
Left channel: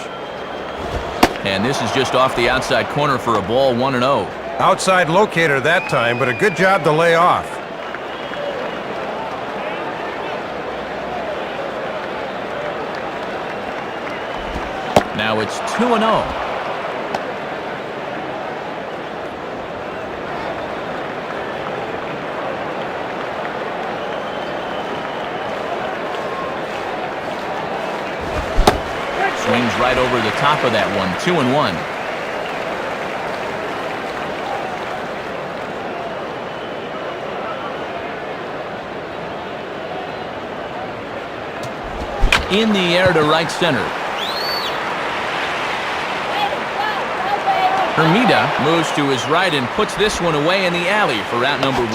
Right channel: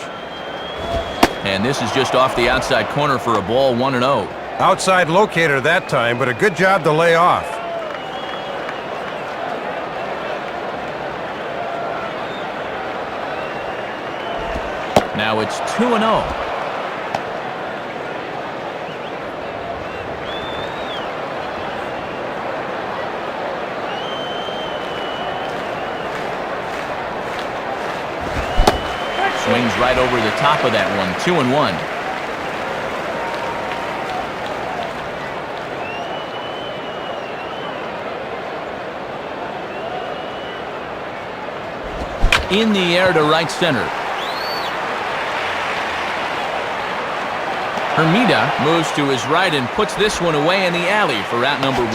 And this is just off the outside corner for a ball, 1-0. Outside locator that time, but a good job to lay off. Now it's 2-0. Swings right over the top of that one, 2-1. In the air to right center. Hermida moves to his right and puts this one away in the alley for out number 1.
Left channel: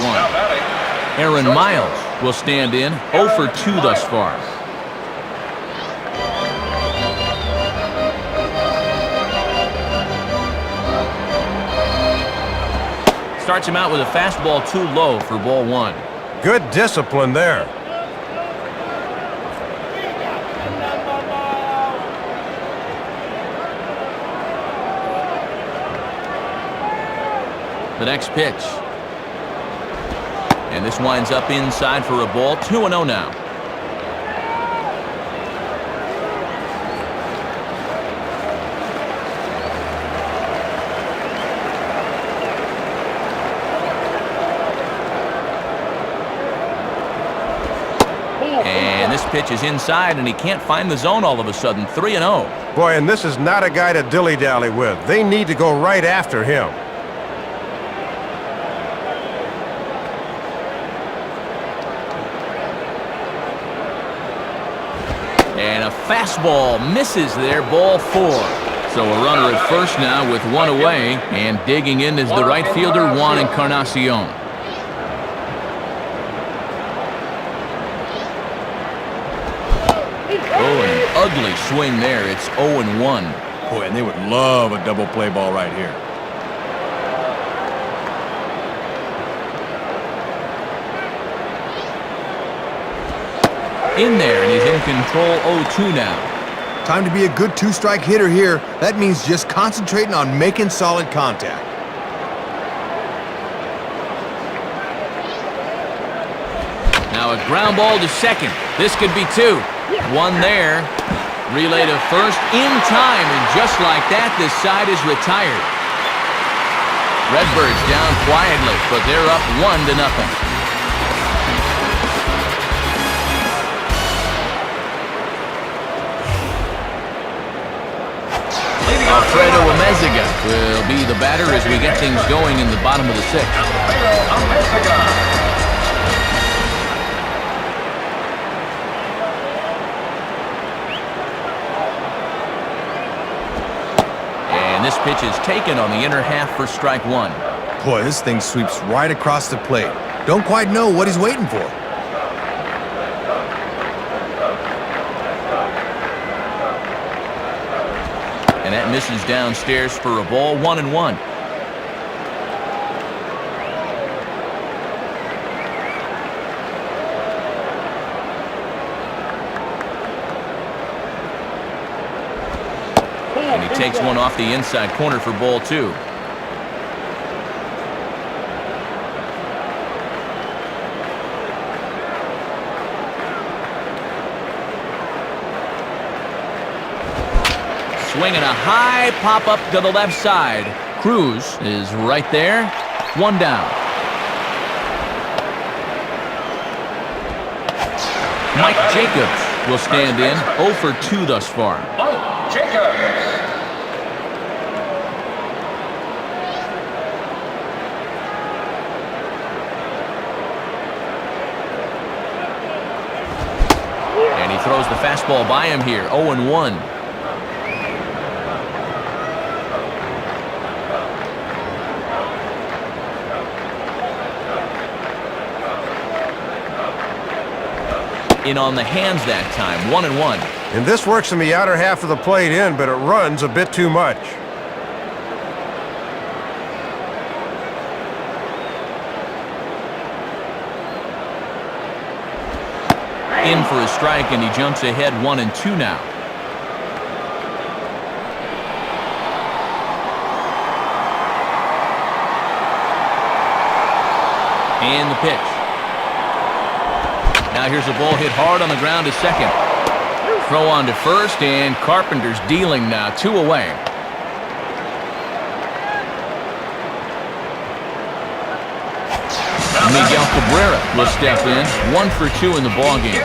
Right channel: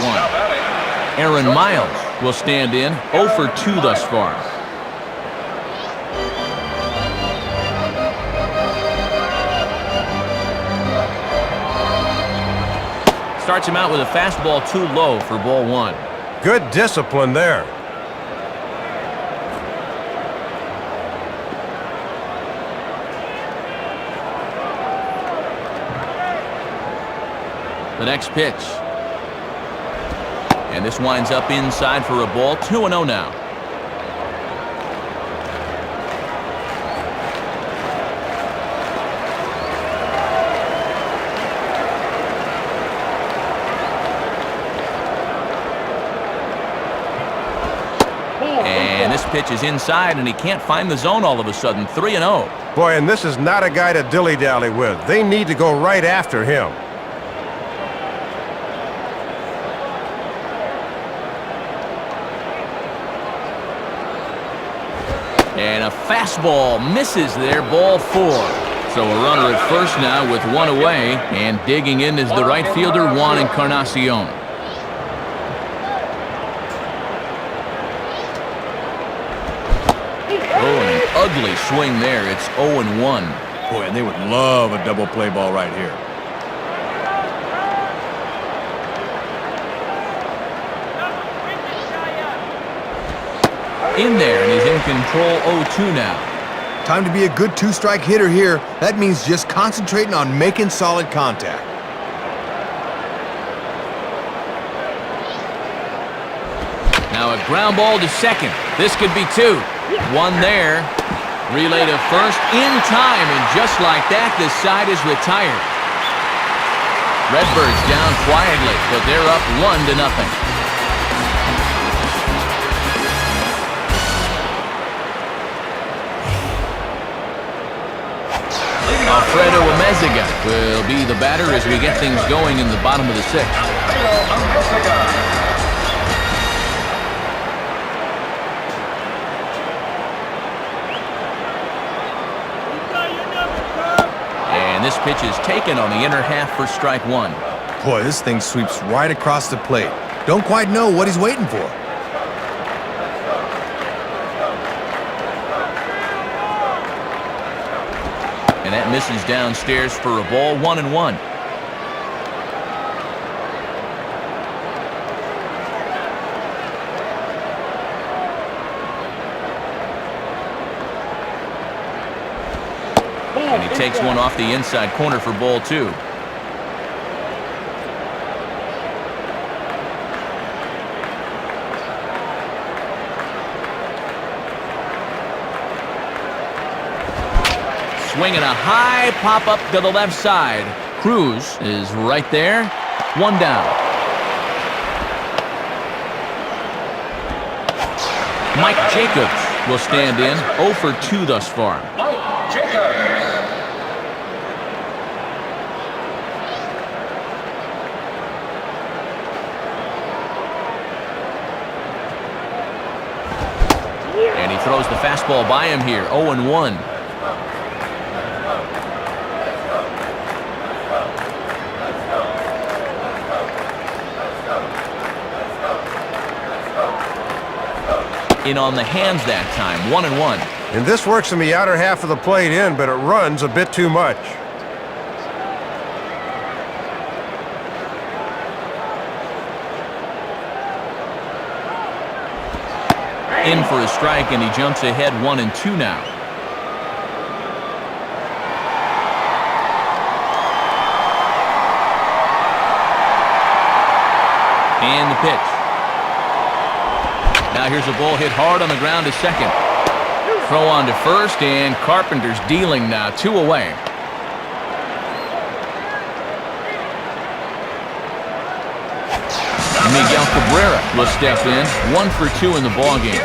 Aaron Miles will stand in, 0 for 2 thus far. Starts him out with a fastball too low for ball 1. Good discipline there. The next pitch. And this winds up inside for a ball. 2-0 now. And this pitch is inside, and he can't find the zone all of a sudden. 3-0. Boy, and this is not a guy to dilly-dally with. They need to go right after him. And a fastball misses there, ball 4. So a runner at first now with one away, and digging in is the right fielder, Juan Encarnacion. Oh, and an ugly swing there. It's 0-1. Boy, and they would love a double play ball right here. In there, and he's in control. 0-2 now. Time to be a good two-strike hitter here. That means just concentrating on making solid contact. Now a ground ball to second. This could be 2. One there. Relay to first in time, and just like that, this side is retired. Redbirds down quietly, but they're up 1-0. Alfredo Amezaga will be the batter as we get things going in the bottom of the 6th. And this pitch is taken on the inner half for strike 1. Boy, this thing sweeps right across the plate. Don't quite know what he's waiting for. And that misses downstairs for a ball. 1-1. And he takes one off the inside corner for ball 2. Swinging a high pop-up to the left side. Cruz is right there. 1 down. Mike Jacobs will stand in. 0 for 2 thus far. Mike Jacobs. And he throws the fastball by him here. 0-1. In on the hands that time. 1-1. And this works in the outer half of the plate in, but it runs a bit too much. In for a strike, and he jumps ahead. 1-2 now. And the pitch. Now here's a ball hit hard on the ground to second. Throw on to first, and Carpenter's dealing now. 2 away. Miguel Cabrera will step in. 1 for 2 in the ballgame.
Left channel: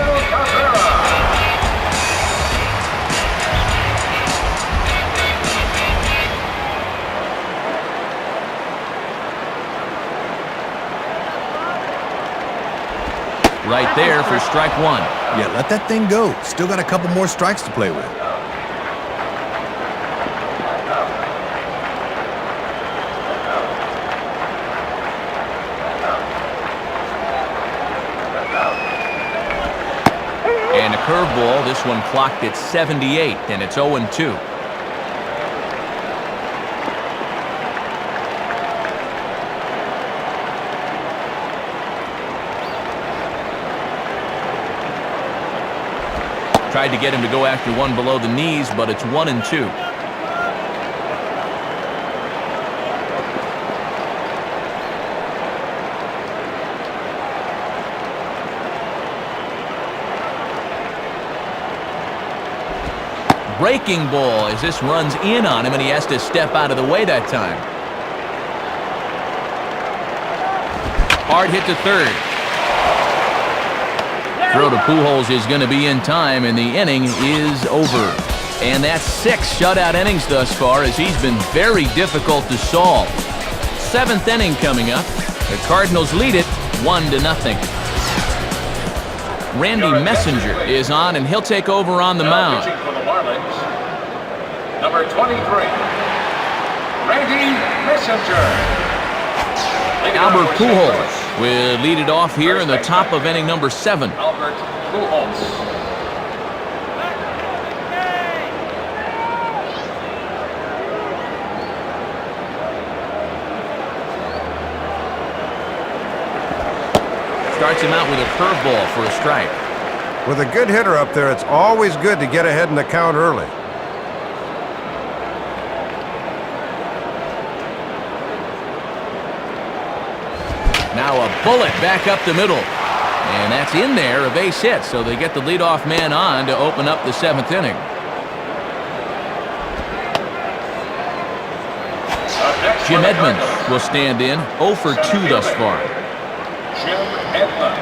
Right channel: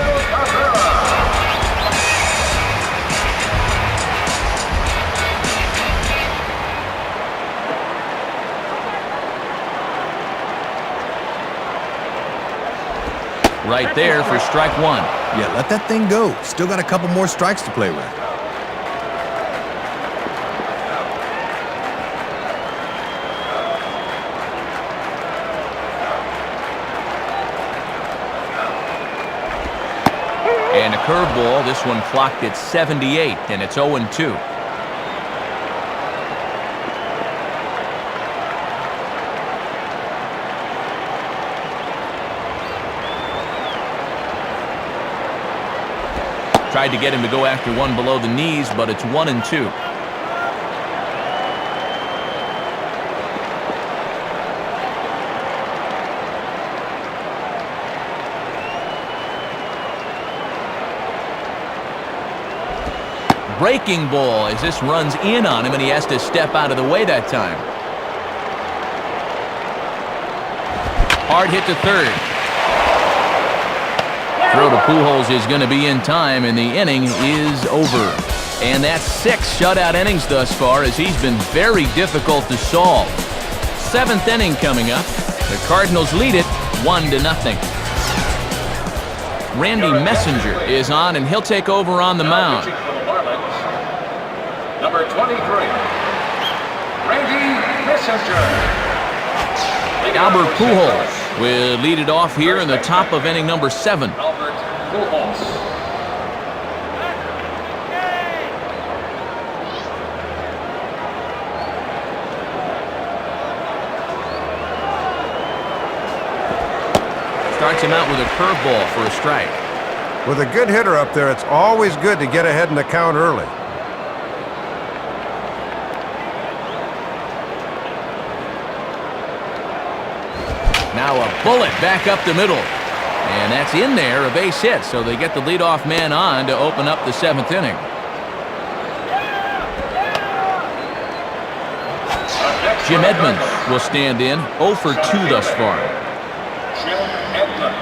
Right there for strike 1. Yeah, let that thing go. Still got a couple more strikes to play with. And a curveball. This one clocked at 78, and it's 0-2. Tried to get him to go after one below the knees, but it's 1-2. Breaking ball as this runs in on him, and he has to step out of the way that time. Hard hit to third. Throw to Pujols is going to be in time, and the inning is over. And that's 6 shutout innings thus far, as he's been very difficult to solve. 7th inning coming up. The Cardinals lead it 1-0. Randy Messenger is on, and he'll take over on the mound. Pitching for the Marlins, number 23, Randy Messenger. Albert Pujols will lead it off here in the top of inning number 7. Albert Pujols. Starts him out with a curveball for a strike. With a good hitter up there, it's always good to get ahead in the count early. Now a bullet back up the middle. And that's in there, a base hit, so they get the leadoff man on to open up the 7th inning. Jim Edmonds will stand in, 0 for 2 thus far. Jim Edmonds.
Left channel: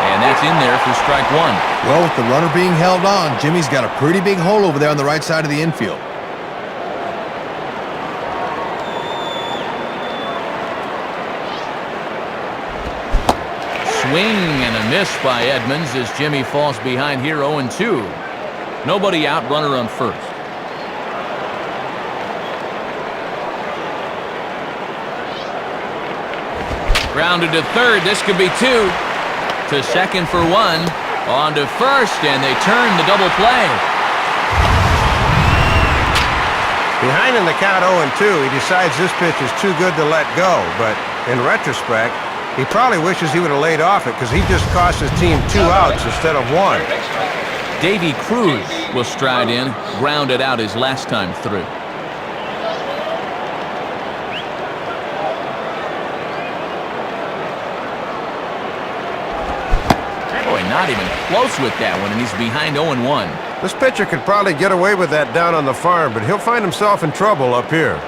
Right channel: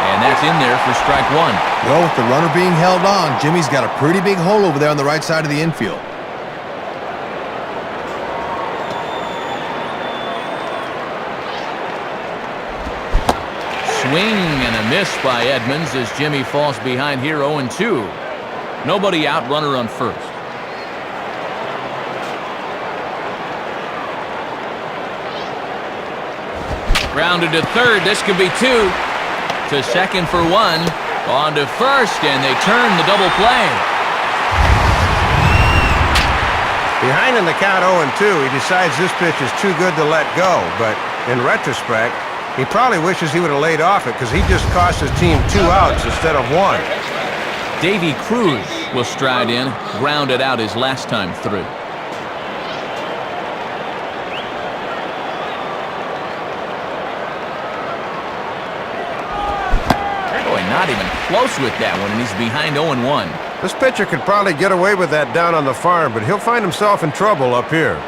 And that's in there for strike 1. Well, with the runner being held on, Jimmy's got a pretty big hole over there on the right side of the infield. Swing and a miss by Edmonds as Jimmy falls behind here 0-2. Nobody out, runner on first. Grounded to third, this could be 2. To second for 1. On to first, and they turn the double play. Behind in the count 0-2, he decides this pitch is too good to let go, but in retrospect, he probably wishes he would have laid off it because he just cost his team 2 outs instead of 1. Davy Cruz will stride in, grounded out his last time through. Boy, not even close with that one, and he's behind 0-1. This pitcher could probably get away with that down on the farm, but he'll find himself in trouble up here.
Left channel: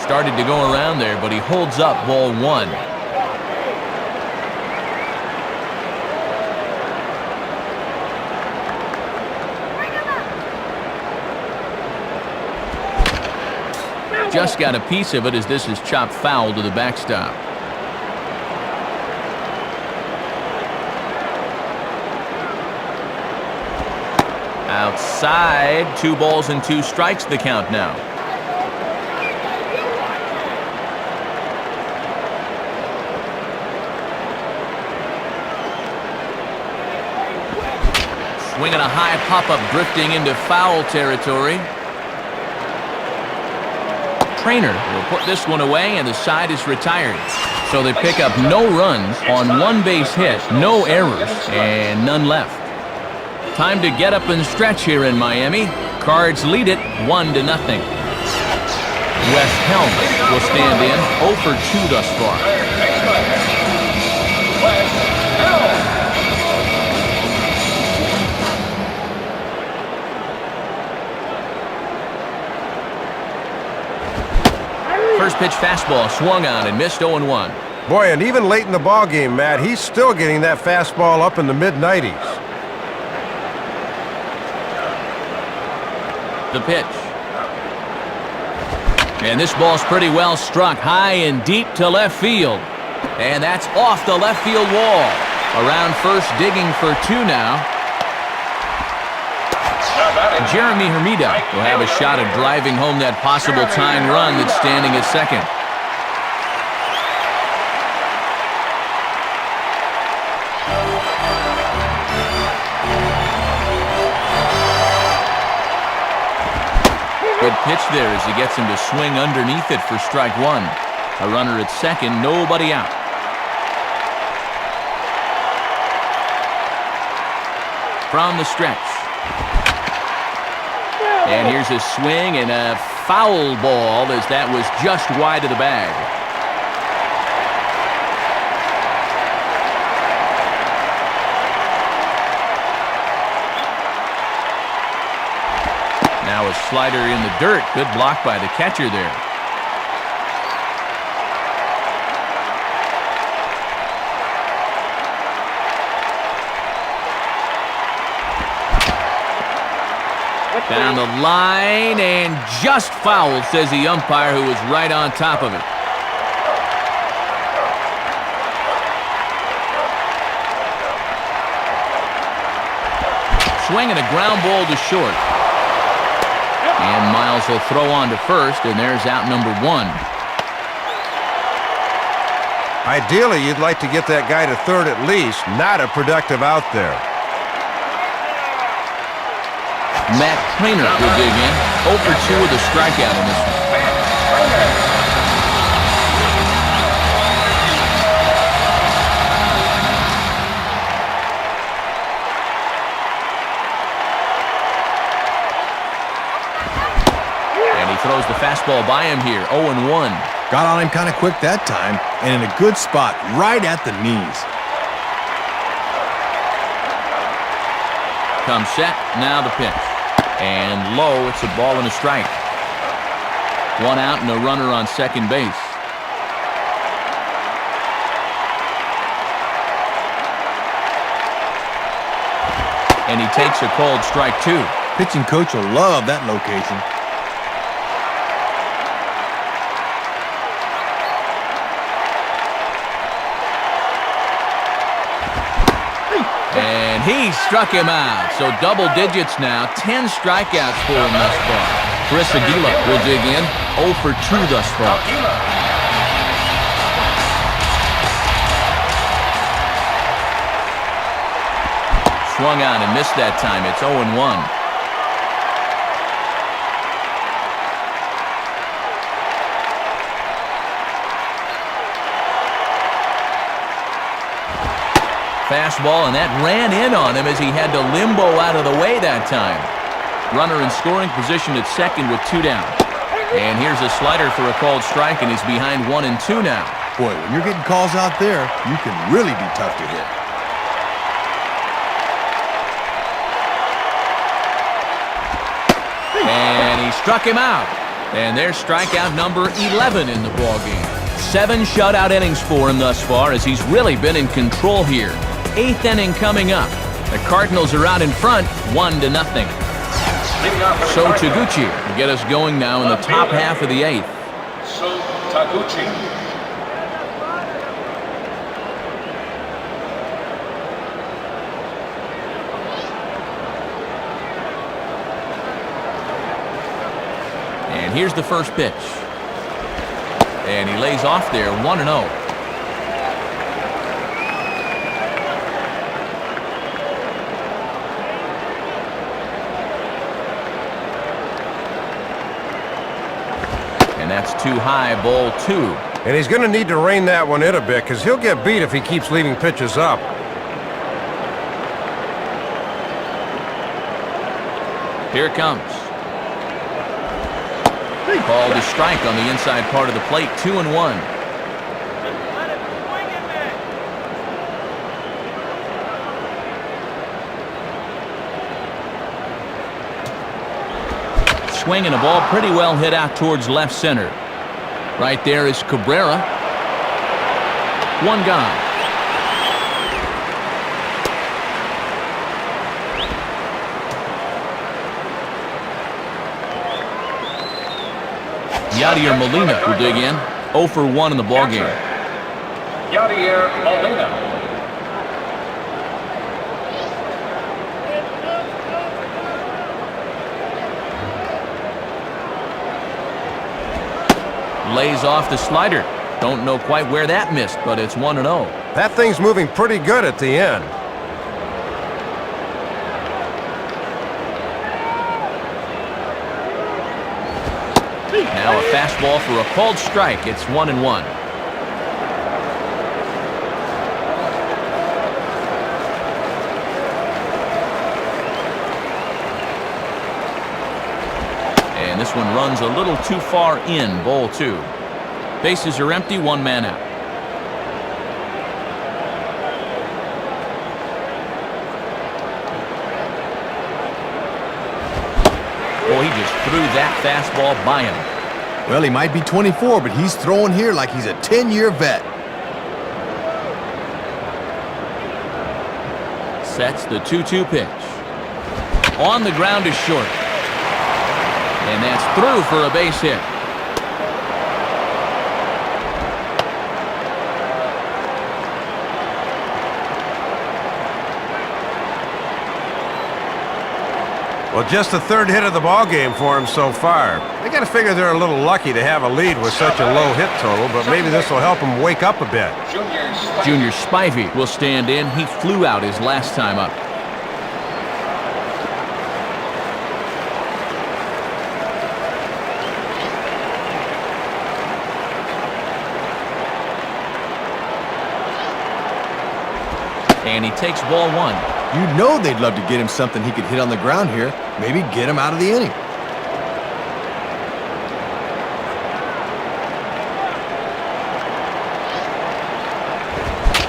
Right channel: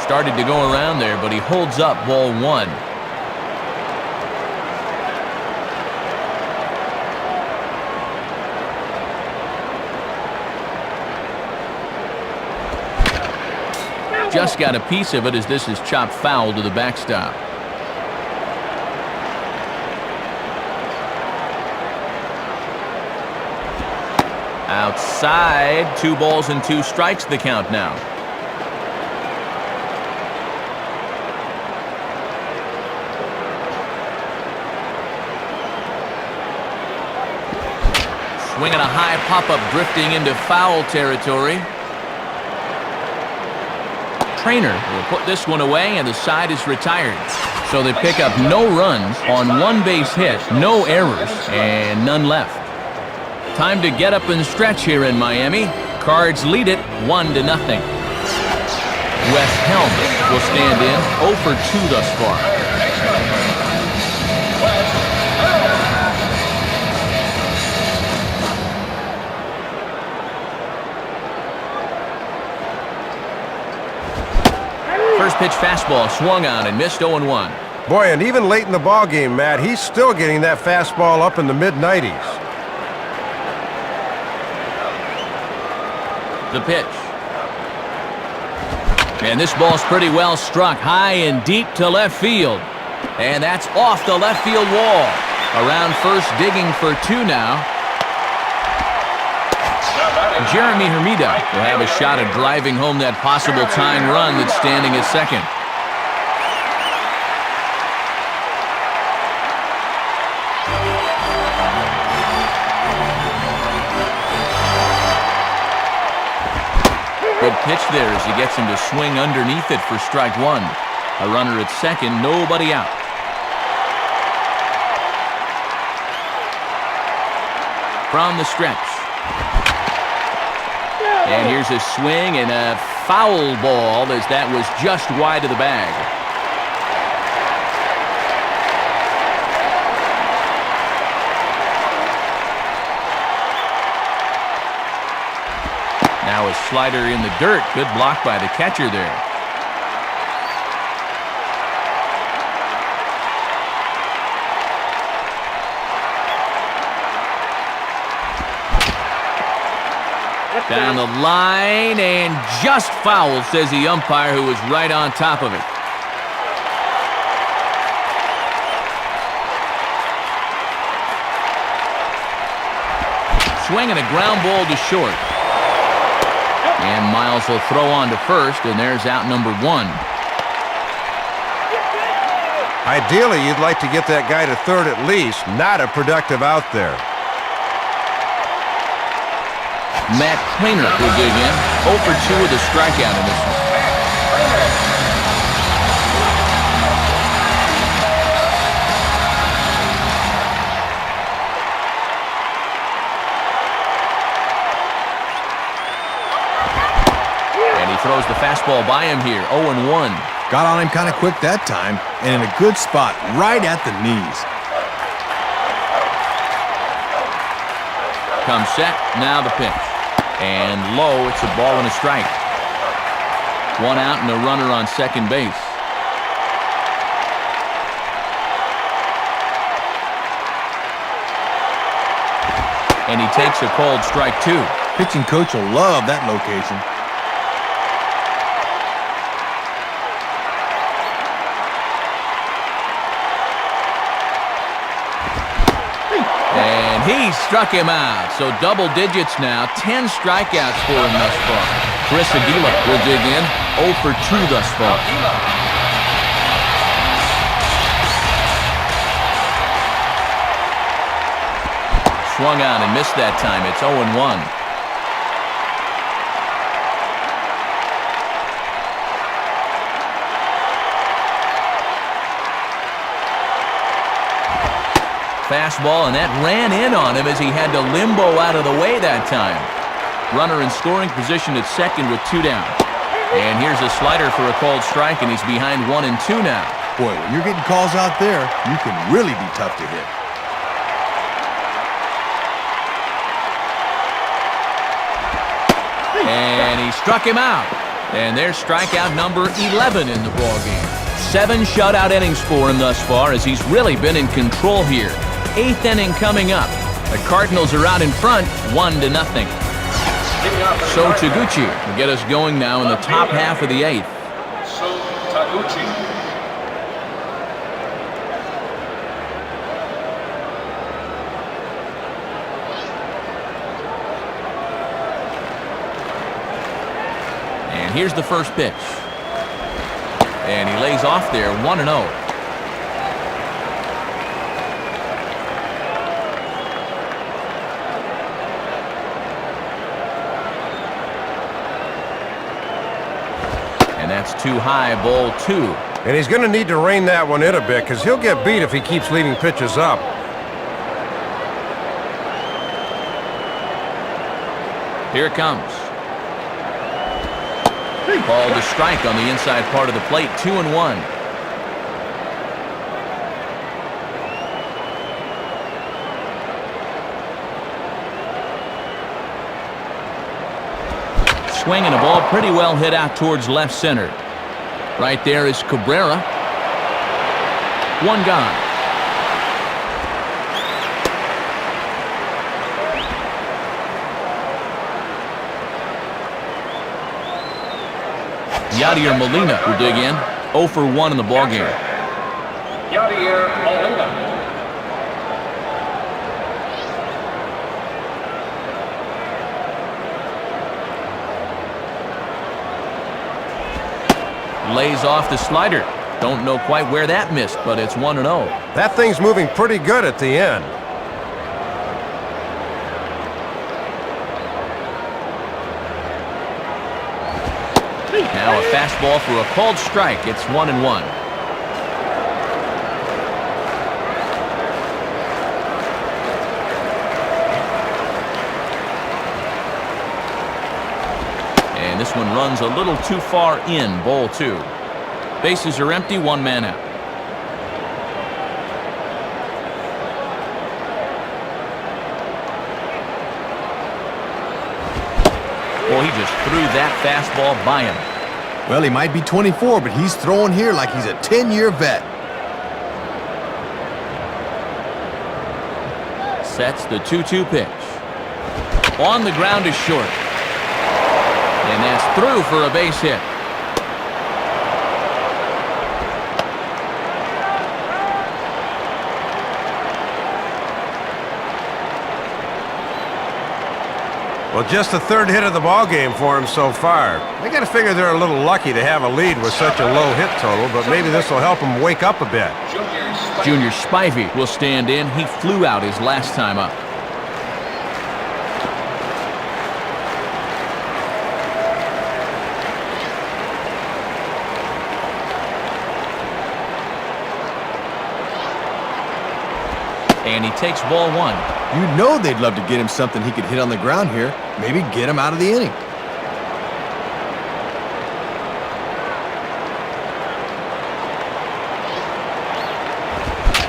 Started to go around there, but he holds up ball 1. Just got a piece of it as this is chopped foul to the backstop. Outside, 2 balls and 2 strikes the count now. Swinging a high pop-up, drifting into foul territory. Trainer will put this one away, and the side is retired. So they pick up no runs on 1 base hit, no errors, and none left. Time to get up and stretch here in Miami. Cards lead it 1-0. Wes Helm will stand in, 0 for 2 thus far. First pitch fastball swung on and missed 0-1. Boy, and even late in the ballgame, Matt, he's still getting that fastball up in the mid-90s. The pitch. And this ball's pretty well struck, high and deep to left field. And that's off the left field wall. Around first, digging for 2 now. Jeremy Hermida will have a shot at driving home that possible tying run that's standing at second. Good pitch there as he gets him to swing underneath it for strike 1. A runner at second, nobody out. from the stretch. And here's a swing and a foul ball as that was just wide of the bag. Now a slider in the dirt. Good block by the catcher there. Down the line and just foul, says the umpire, who was right on top of it. Swing and a ground ball to short. And Miles will throw on to first, and there's out number 1. Ideally, you'd like to get that guy to third at least. Not a productive out there. Matt Trainer will dig in. 0 for 2 with a strikeout in this one. And he throws the fastball by him here. 0-1. Got on him kind of quick that time, and in a good spot, right at the knees. Comes set, now the pitch. And low, it's a ball and a strike. 1 out and a runner on second base. And he takes a called strike 2. Pitching coach will love that location. And he struck him out. So double digits now. 10 strikeouts for him thus far. Chris Aguila will dig in. 0 for 2 thus far. Swung on and missed that time. It's 0-1. Fastball, and that ran in on him as he had to limbo out of the way that time. Runner in scoring position at second with 2 down. And here's a slider for a called strike, and he's behind 1 and 2 now. Boy, when you're getting calls out there, you can really be tough to hit. And he struck him out. And there's strikeout number 11 in the ballgame. 7 shutout innings for him thus far as he's really been in control here. 8th inning coming up. The Cardinals are out in front, 1-0. So Taguchi will get us going now in the top half of the 8th. So Taguchi. And here's the first pitch. And he lays off there, 1-0. And that's too high, ball 2. And he's going to need to rein that one in a bit because he'll get beat if he keeps leaving pitches up. Here it comes. Called a strike on the inside part of the plate, 2-1. Swing and a ball pretty well hit out towards left center. Right there is Cabrera. 1 gone. Yadier Molina will dig in. 0 for 1 in the ballgame. Yadier Molina. Lays off the slider. Don't know quite where that missed, but it's 1-0. That thing's moving pretty good at the end. Now a fastball for a called strike. It's 1-1. And this one runs a little too far in, ball 2. Bases are empty, 1 man out. Well, he just threw that fastball by him. Well, he might be 24, but he's throwing here like he's a 10-year vet. Sets the 2-2 pitch. On the ground is short. And that's through for a base hit. Well, just the 3rd hit of the ball game for him so far. They got to figure they're a little lucky to have a lead with such a low hit total, but maybe this will help them wake up a bit. Junior Spivey will stand in. He flew out his last time up. And he takes ball 1. You know they'd love to get him something he could hit on the ground here. Maybe get him out of the inning.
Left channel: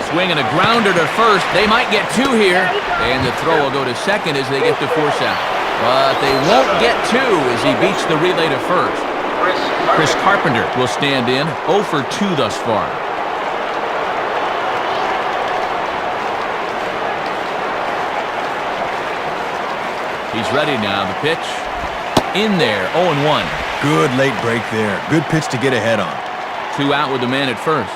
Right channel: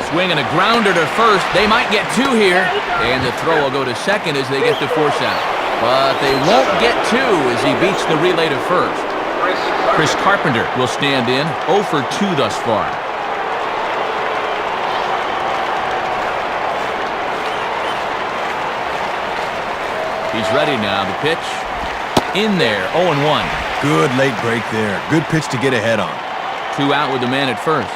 Swing and a grounder to first. They might get 2 here. And the throw will go to second as they get the force out. But they won't get 2 as he beats the relay to first. Chris Carpenter will stand in, 0 for 2 thus far. He's ready now. The pitch in there, 0-1. Good late break there. Good pitch to get ahead on. 2 out with the man at first.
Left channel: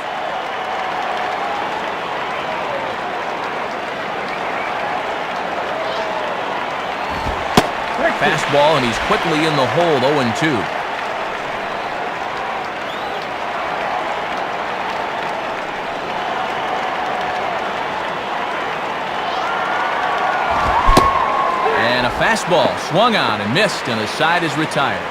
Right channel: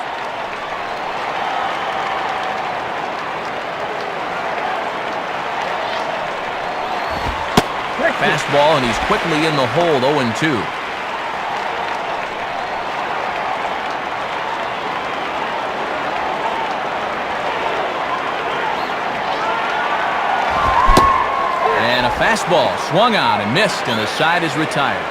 Fastball, and he's quickly in the hole, 0-2. And a fastball swung on and missed, and the side is retired.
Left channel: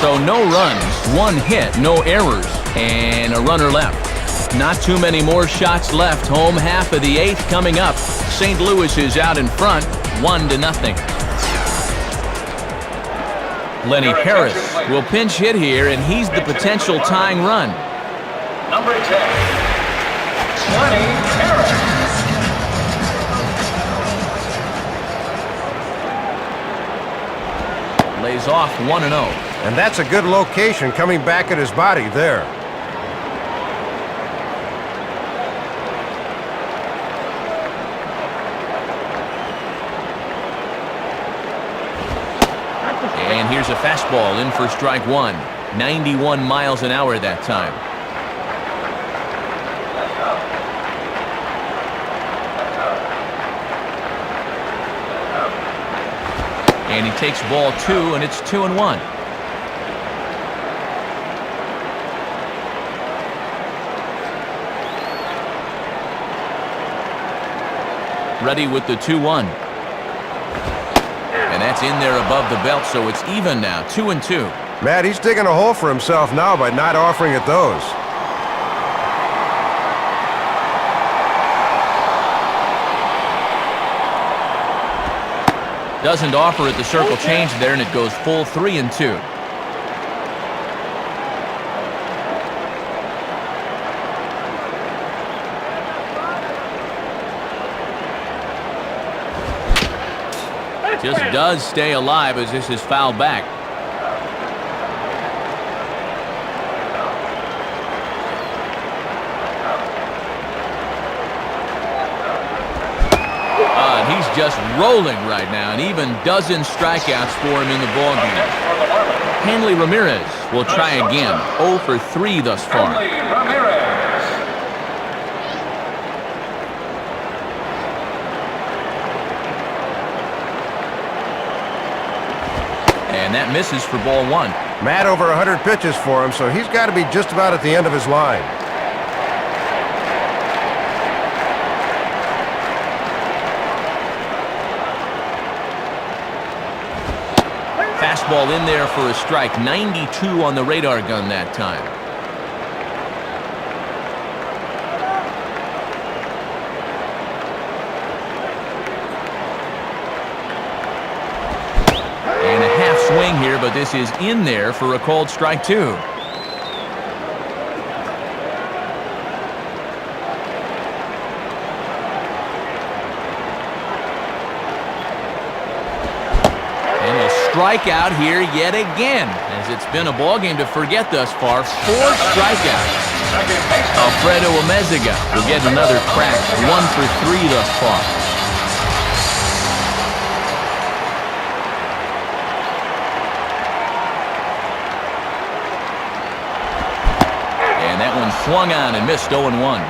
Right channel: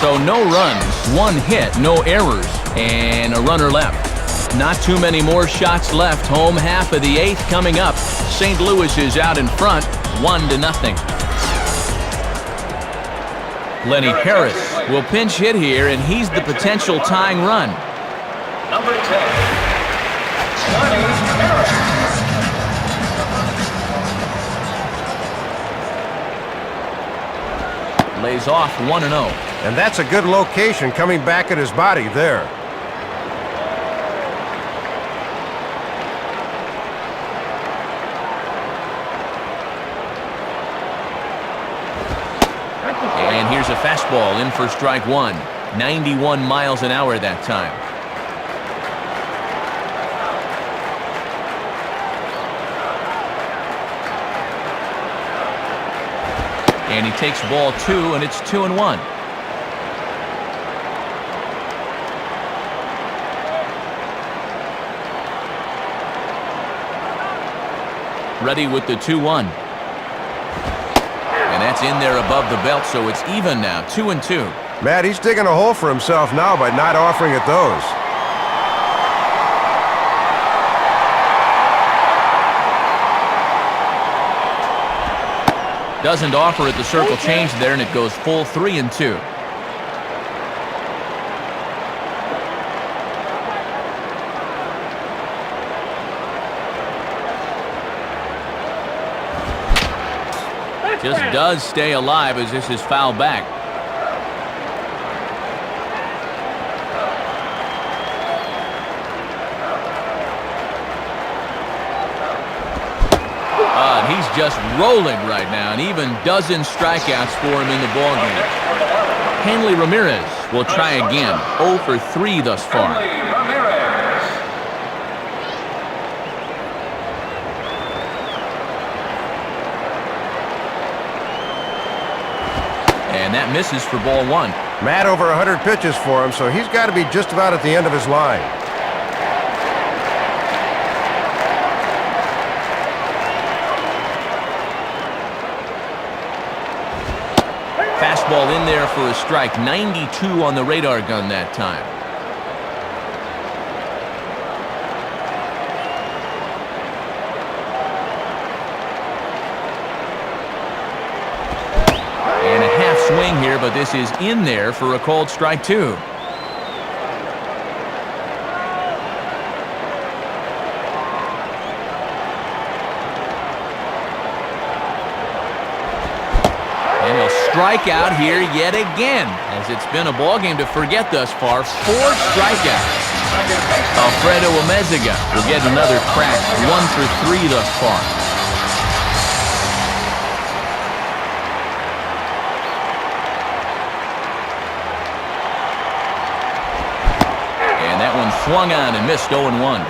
So no runs, 1 hit, no errors, and a runner left. Not too many more shots left. Home half of the 8th coming up. St. Louis is out in front, 1-0. Lenny Harris will pinch hit here, and he's the potential tying run. Number 10, Lenny Harris. Lays off 1-0. And that's a good location coming back at his body there. And here's a fastball in for strike 1. 91 miles an hour that time. And he takes ball 2, and it's 2-1. Ready with the 2-1. And that's in there above the belt, so it's even now, 2-2. Matt, he's digging a hole for himself now by not offering it those. Doesn't offer at the circle change there, and it goes full 3-2. Just does stay alive as this is fouled back. And he's just rolling right now, and even dozen strikeouts for him in the ballgame. Hanley Ramirez will try again. 0 for 3 thus far. Hanley Ramirez. And that misses for ball 1. Matt, over 100 pitches for him, so he's got to be just about at the end of his line. Fastball in there for a strike. 92 on the radar gun that time. And a half swing here, but this is in there for a called strike two. And he'll strike out here yet again, as it's been a ball game to forget thus far. 4 strikeouts. Alfredo Amezaga will get another crack, 1 for 3 thus far. And that one swung on and missed 0-1.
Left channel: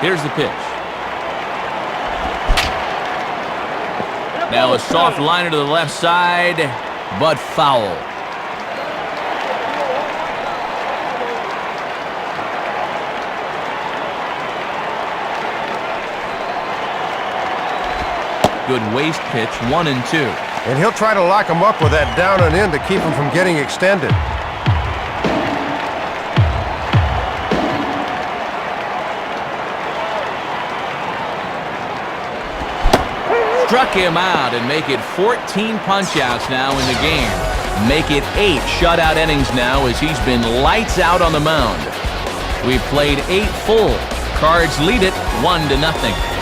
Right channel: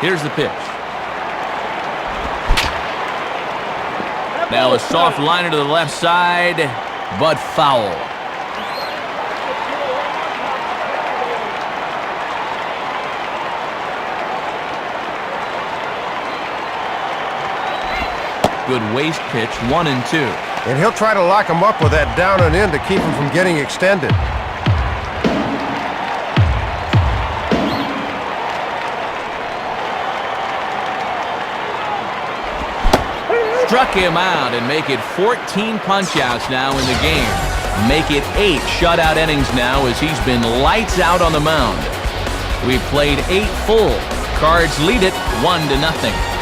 Here's the pitch. Now a soft liner to the left side, but foul. Good waist pitch, 1-2. And he'll try to lock him up with that down and in to keep him from getting extended. Struck him out and make it 14 punch-outs now in the game. Make it 8 shutout innings now as he's been lights out on the mound. We've played 8 full. Cards lead it 1-0.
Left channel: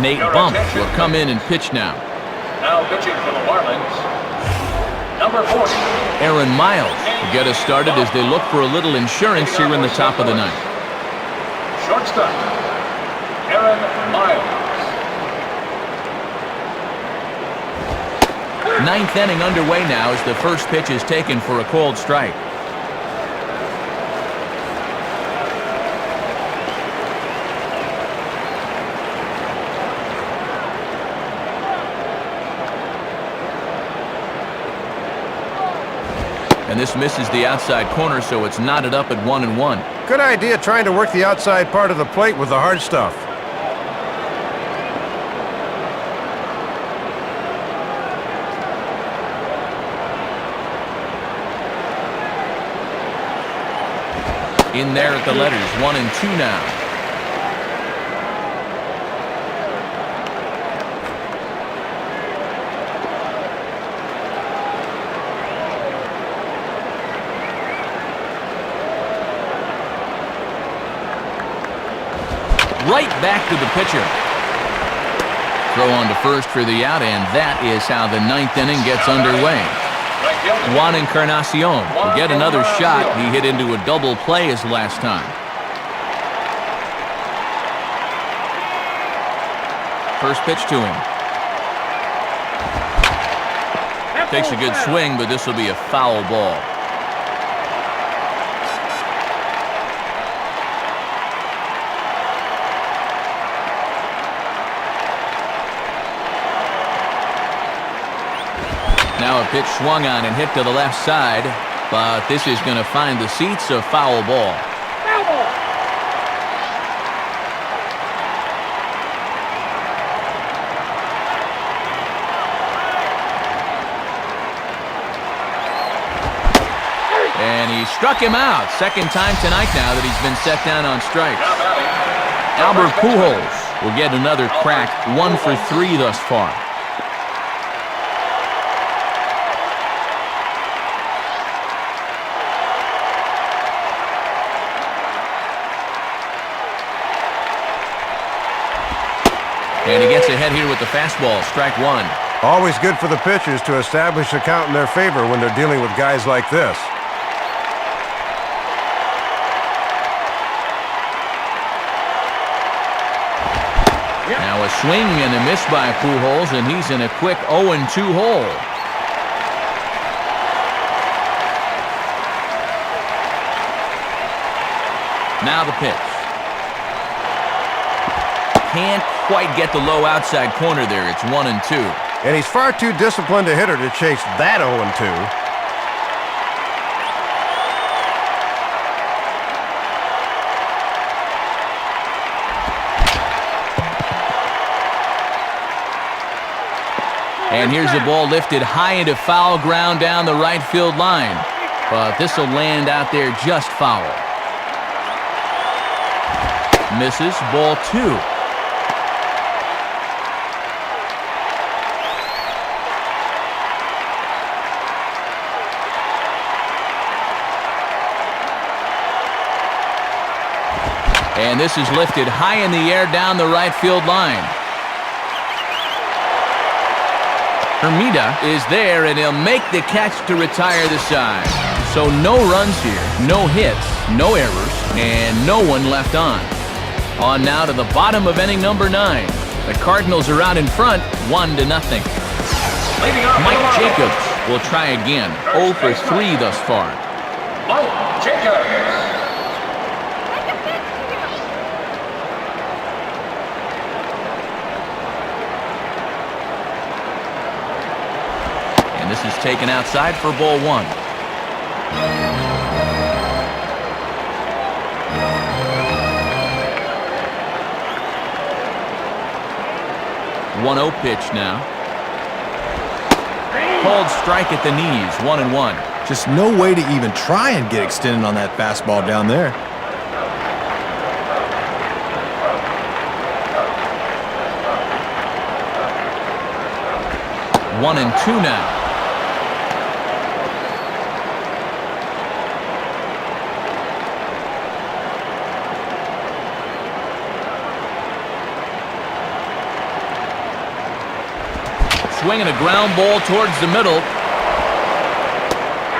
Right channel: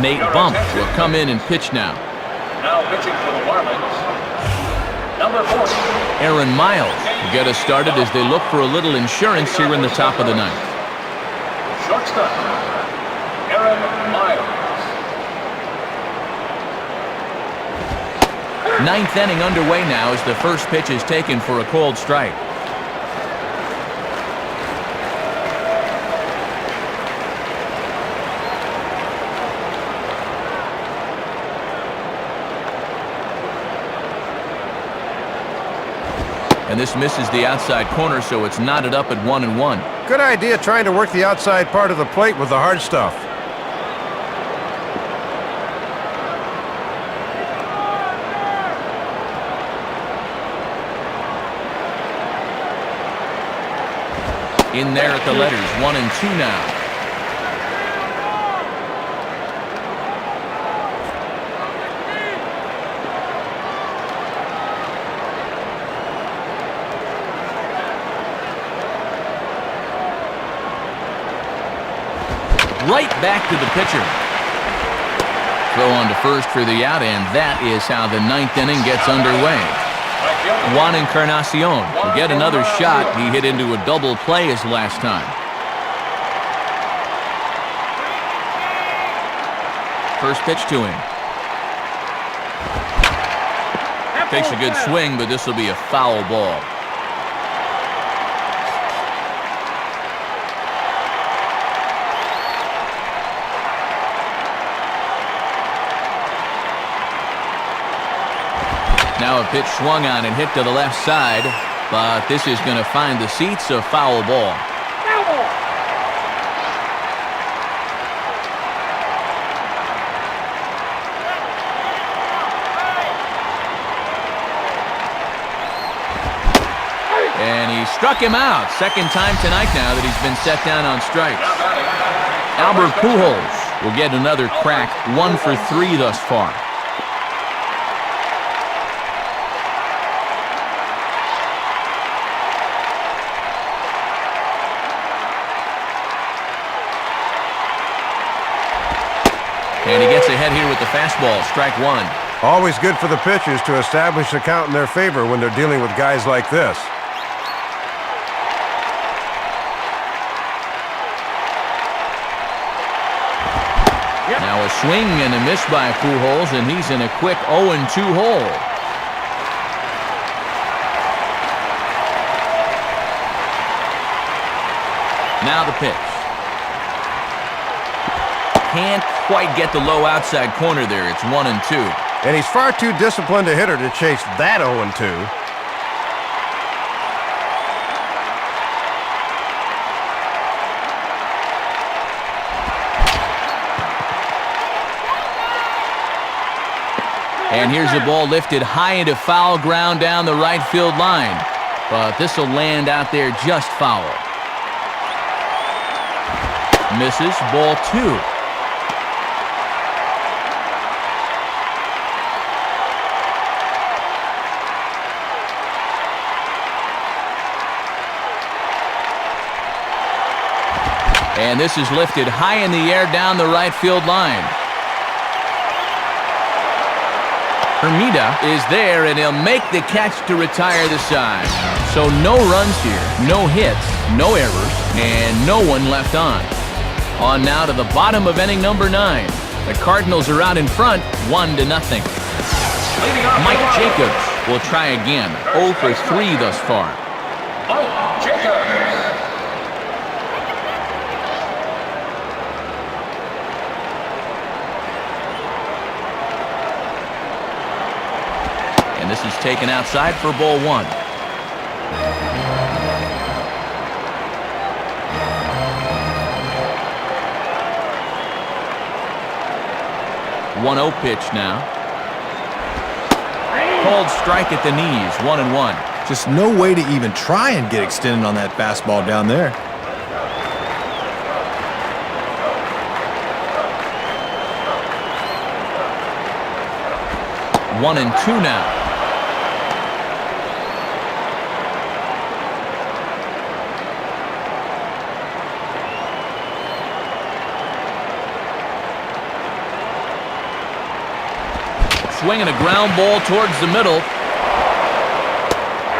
Nate Bump will come in and pitch now. Now pitching for the Marlins, number 40. Aaron Miles will get us started as they look for a little insurance here in the top of the ninth. Shortstop, Aaron Miles. Ninth inning underway now as the first pitch is taken for a called strike. And this misses the outside corner, so it's knotted up at 1-1. Good idea trying to work the outside part of the plate with the hard stuff. In there at the letters, 1-2 now. Right back to the pitcher. Throw on to first for the out, and that is how the ninth inning gets underway. Juan Encarnacion will get another shot. He hit into a double play his last time. First pitch to him. Takes a good swing, but this will be a foul ball. Now a pitch swung on and hit to the left side, but this is going to find the seats, a foul ball. And he struck him out. Second time tonight now that he's been set down on strikes. Albert Pujols will get another crack, 1 for 3 thus far. And he gets ahead here with the fastball, strike 1. Always good for the pitchers to establish a count in their favor when they're dealing with guys like this. Now a swing and a miss by Pujols, and he's in a quick 0-2 hole. Now the pitch. Can't quite get the low outside corner there. It's 1-2. And he's far too disciplined a hitter to chase that 0-2. And here's the ball lifted high into foul ground down the right field line. But this will land out there just foul. Misses. Ball 2. And this is lifted high in the air down the right field line. Hermida is there, and he'll make the catch to retire the side. So no runs here, no hits, no errors, and no one left on. On now to the bottom of inning number 9. The Cardinals are out in front, 1-0. Mike Jacobs will try again, 0 for 3 thus far. Mike Jacobs. And this is taken outside for ball 1. One 0 pitch now. Called strike at the knees, 1-1. Just no way to even try and get extended on that fastball down there. 1-2 now. Swinging a ground ball towards the middle.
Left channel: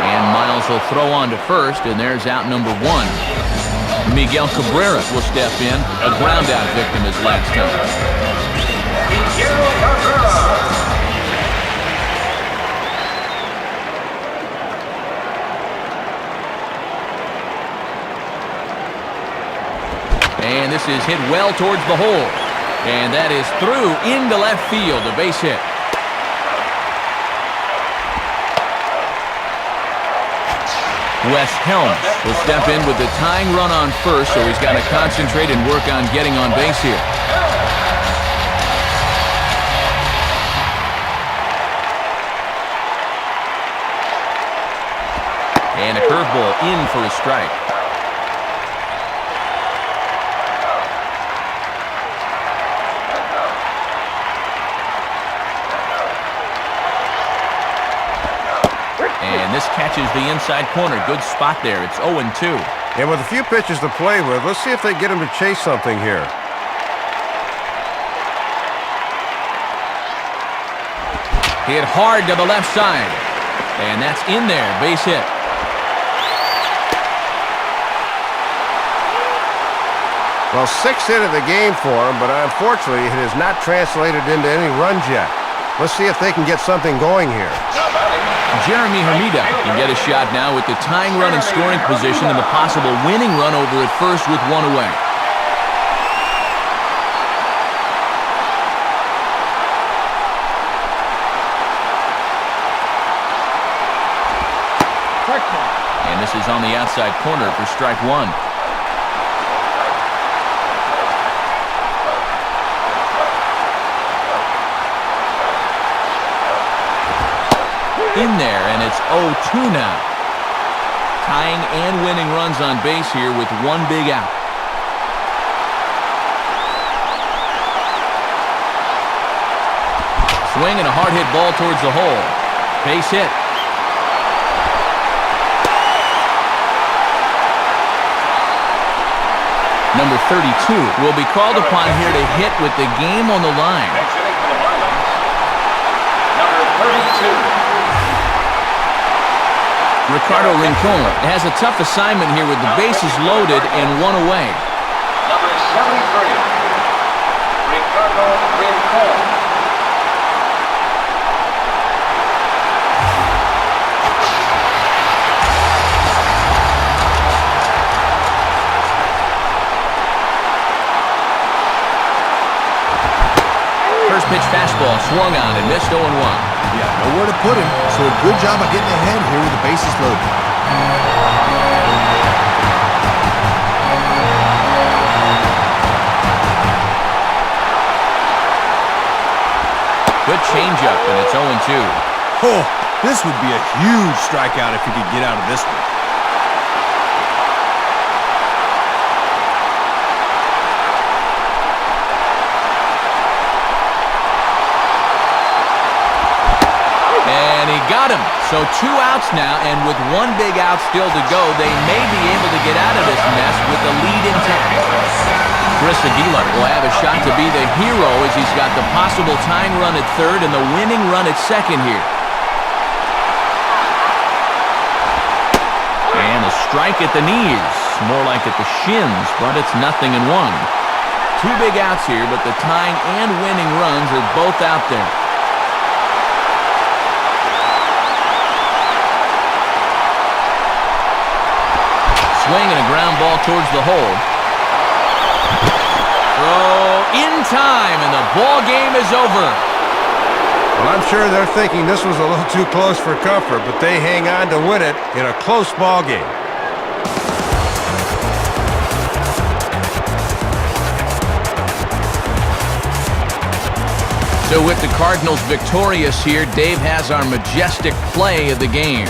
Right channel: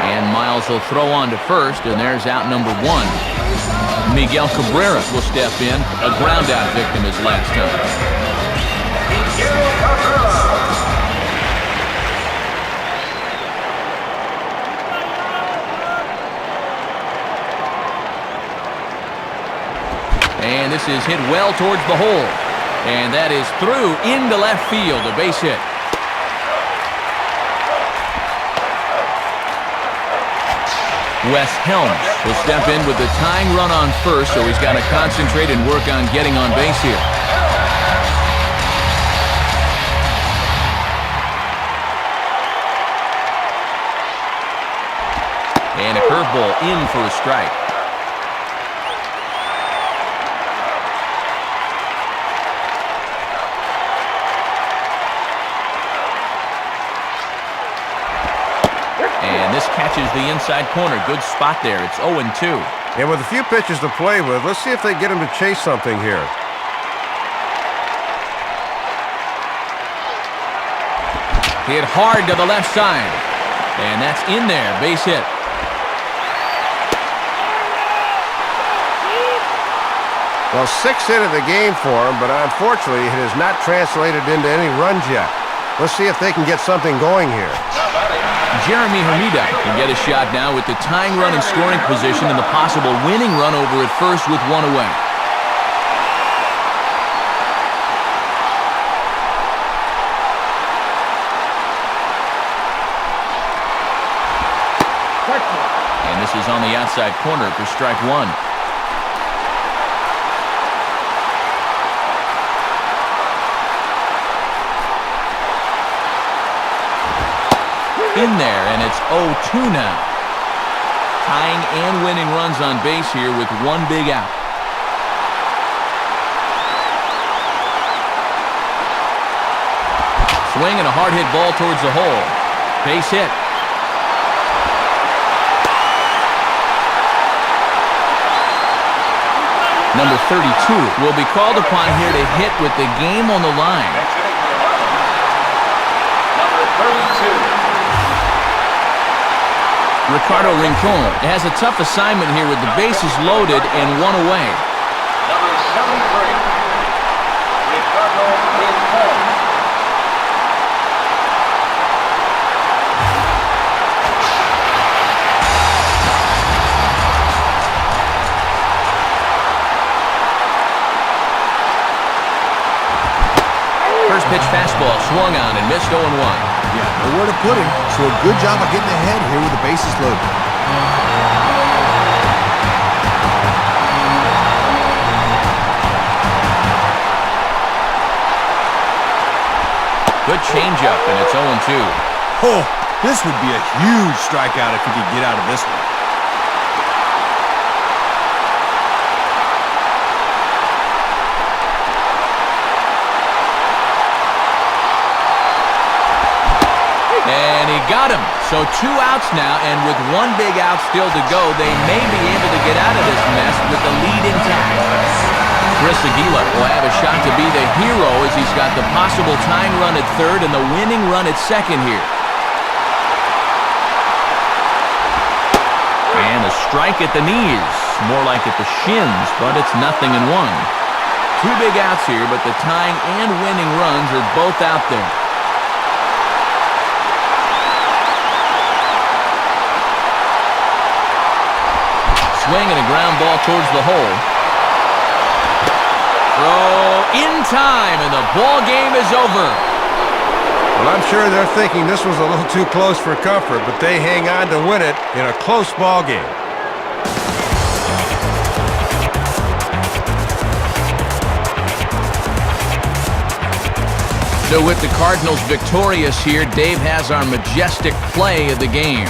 And Miles will throw on to first, and there's out number 1. Miguel Cabrera will step in, a ground out victim his last time. Miguel Cabrera. And this is hit well towards the hole. And that is through into left field, a base hit. Wes Helms will step in with the tying run on first, so he's got to concentrate and work on getting on base here. And a curveball in for a strike. And this catches the inside corner. Good spot there. It's 0-2. And with a few pitches to play with, let's see if they get him to chase something here. Hit hard to the left side. And that's in there. Base hit. Well, 6th hit of the game for him, but unfortunately it has not translated into any runs yet. Let's see if they can get something going here. Jeremy Hermida can get a shot now with the tying run in scoring position and the possible winning run over at first with 1 away. And this is on the outside corner for strike 1. In there, and it's 0-2 now. Tying and winning runs on base here with 1 big out. Swing and a hard hit ball towards the hole. Base hit. Number 32 will be called upon here to hit with the game on the line. Next inning for the Marlins. Number 32. Ricardo Rincon has a tough assignment here with the bases loaded and 1 away. Number 73. Ricardo Rincon. First pitch fastball swung on and missed 0-1. Yeah, nowhere to put him, so a good job of getting ahead here with the bases loaded. Good changeup, and it's 0-2. Oh, this would be a huge strikeout if he could get out of this one. got him. So 2 outs now, and with 1 big out still to go, they may be able to get out of this mess with the lead intact. Chris Aguila will have a shot to be the hero as he's got the possible tying run at third and the winning run at second here. And a strike at the knees, more like at the shins, but it's 0-1. 2 big outs here, but the tying and winning runs are both out there. Swing and a ground ball towards the hole. Throw in time, and the ball game is over. Well, I'm sure they're thinking this was a little too close for comfort, but they hang on to win it in a close ball game. So with the Cardinals victorious here, Dave has our majestic play of the game.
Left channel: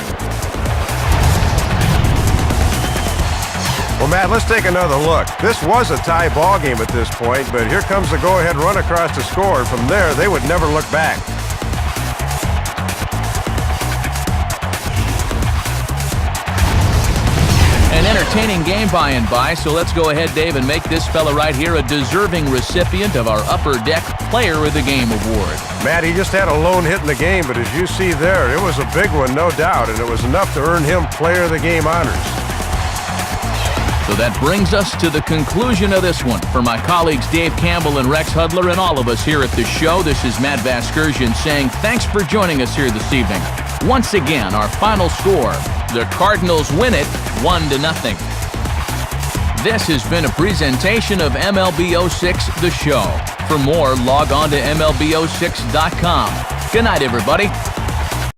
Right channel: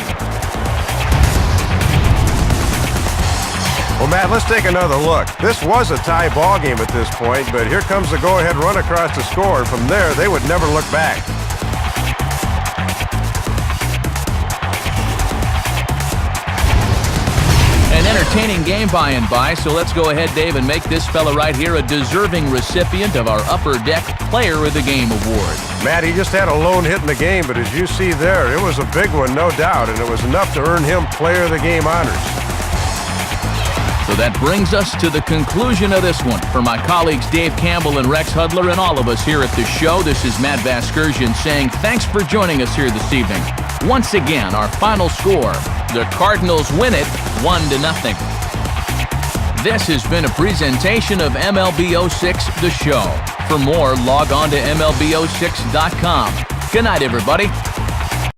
Well, Matt, let's take another look. This was a tie ball game at this point, but here comes the go-ahead run across the score, and from there, they would never look back. An entertaining game by and by, so let's go ahead, Dave, and make this fella right here a deserving recipient of our Upper Deck Player of the Game award. Matt, he just had a lone hit in the game, but as you see there, it was a big one, no doubt, and it was enough to earn him Player of the Game honors. So that brings us to the conclusion of this one. For my colleagues Dave Campbell and Rex Hudler and all of us here at the show, this is Matt Vasgersian saying thanks for joining us here this evening. Once again, our final score, the Cardinals win it 1-0. This has been a presentation of MLB 06 The Show. For more, log on to MLB06.com. Good night, everybody.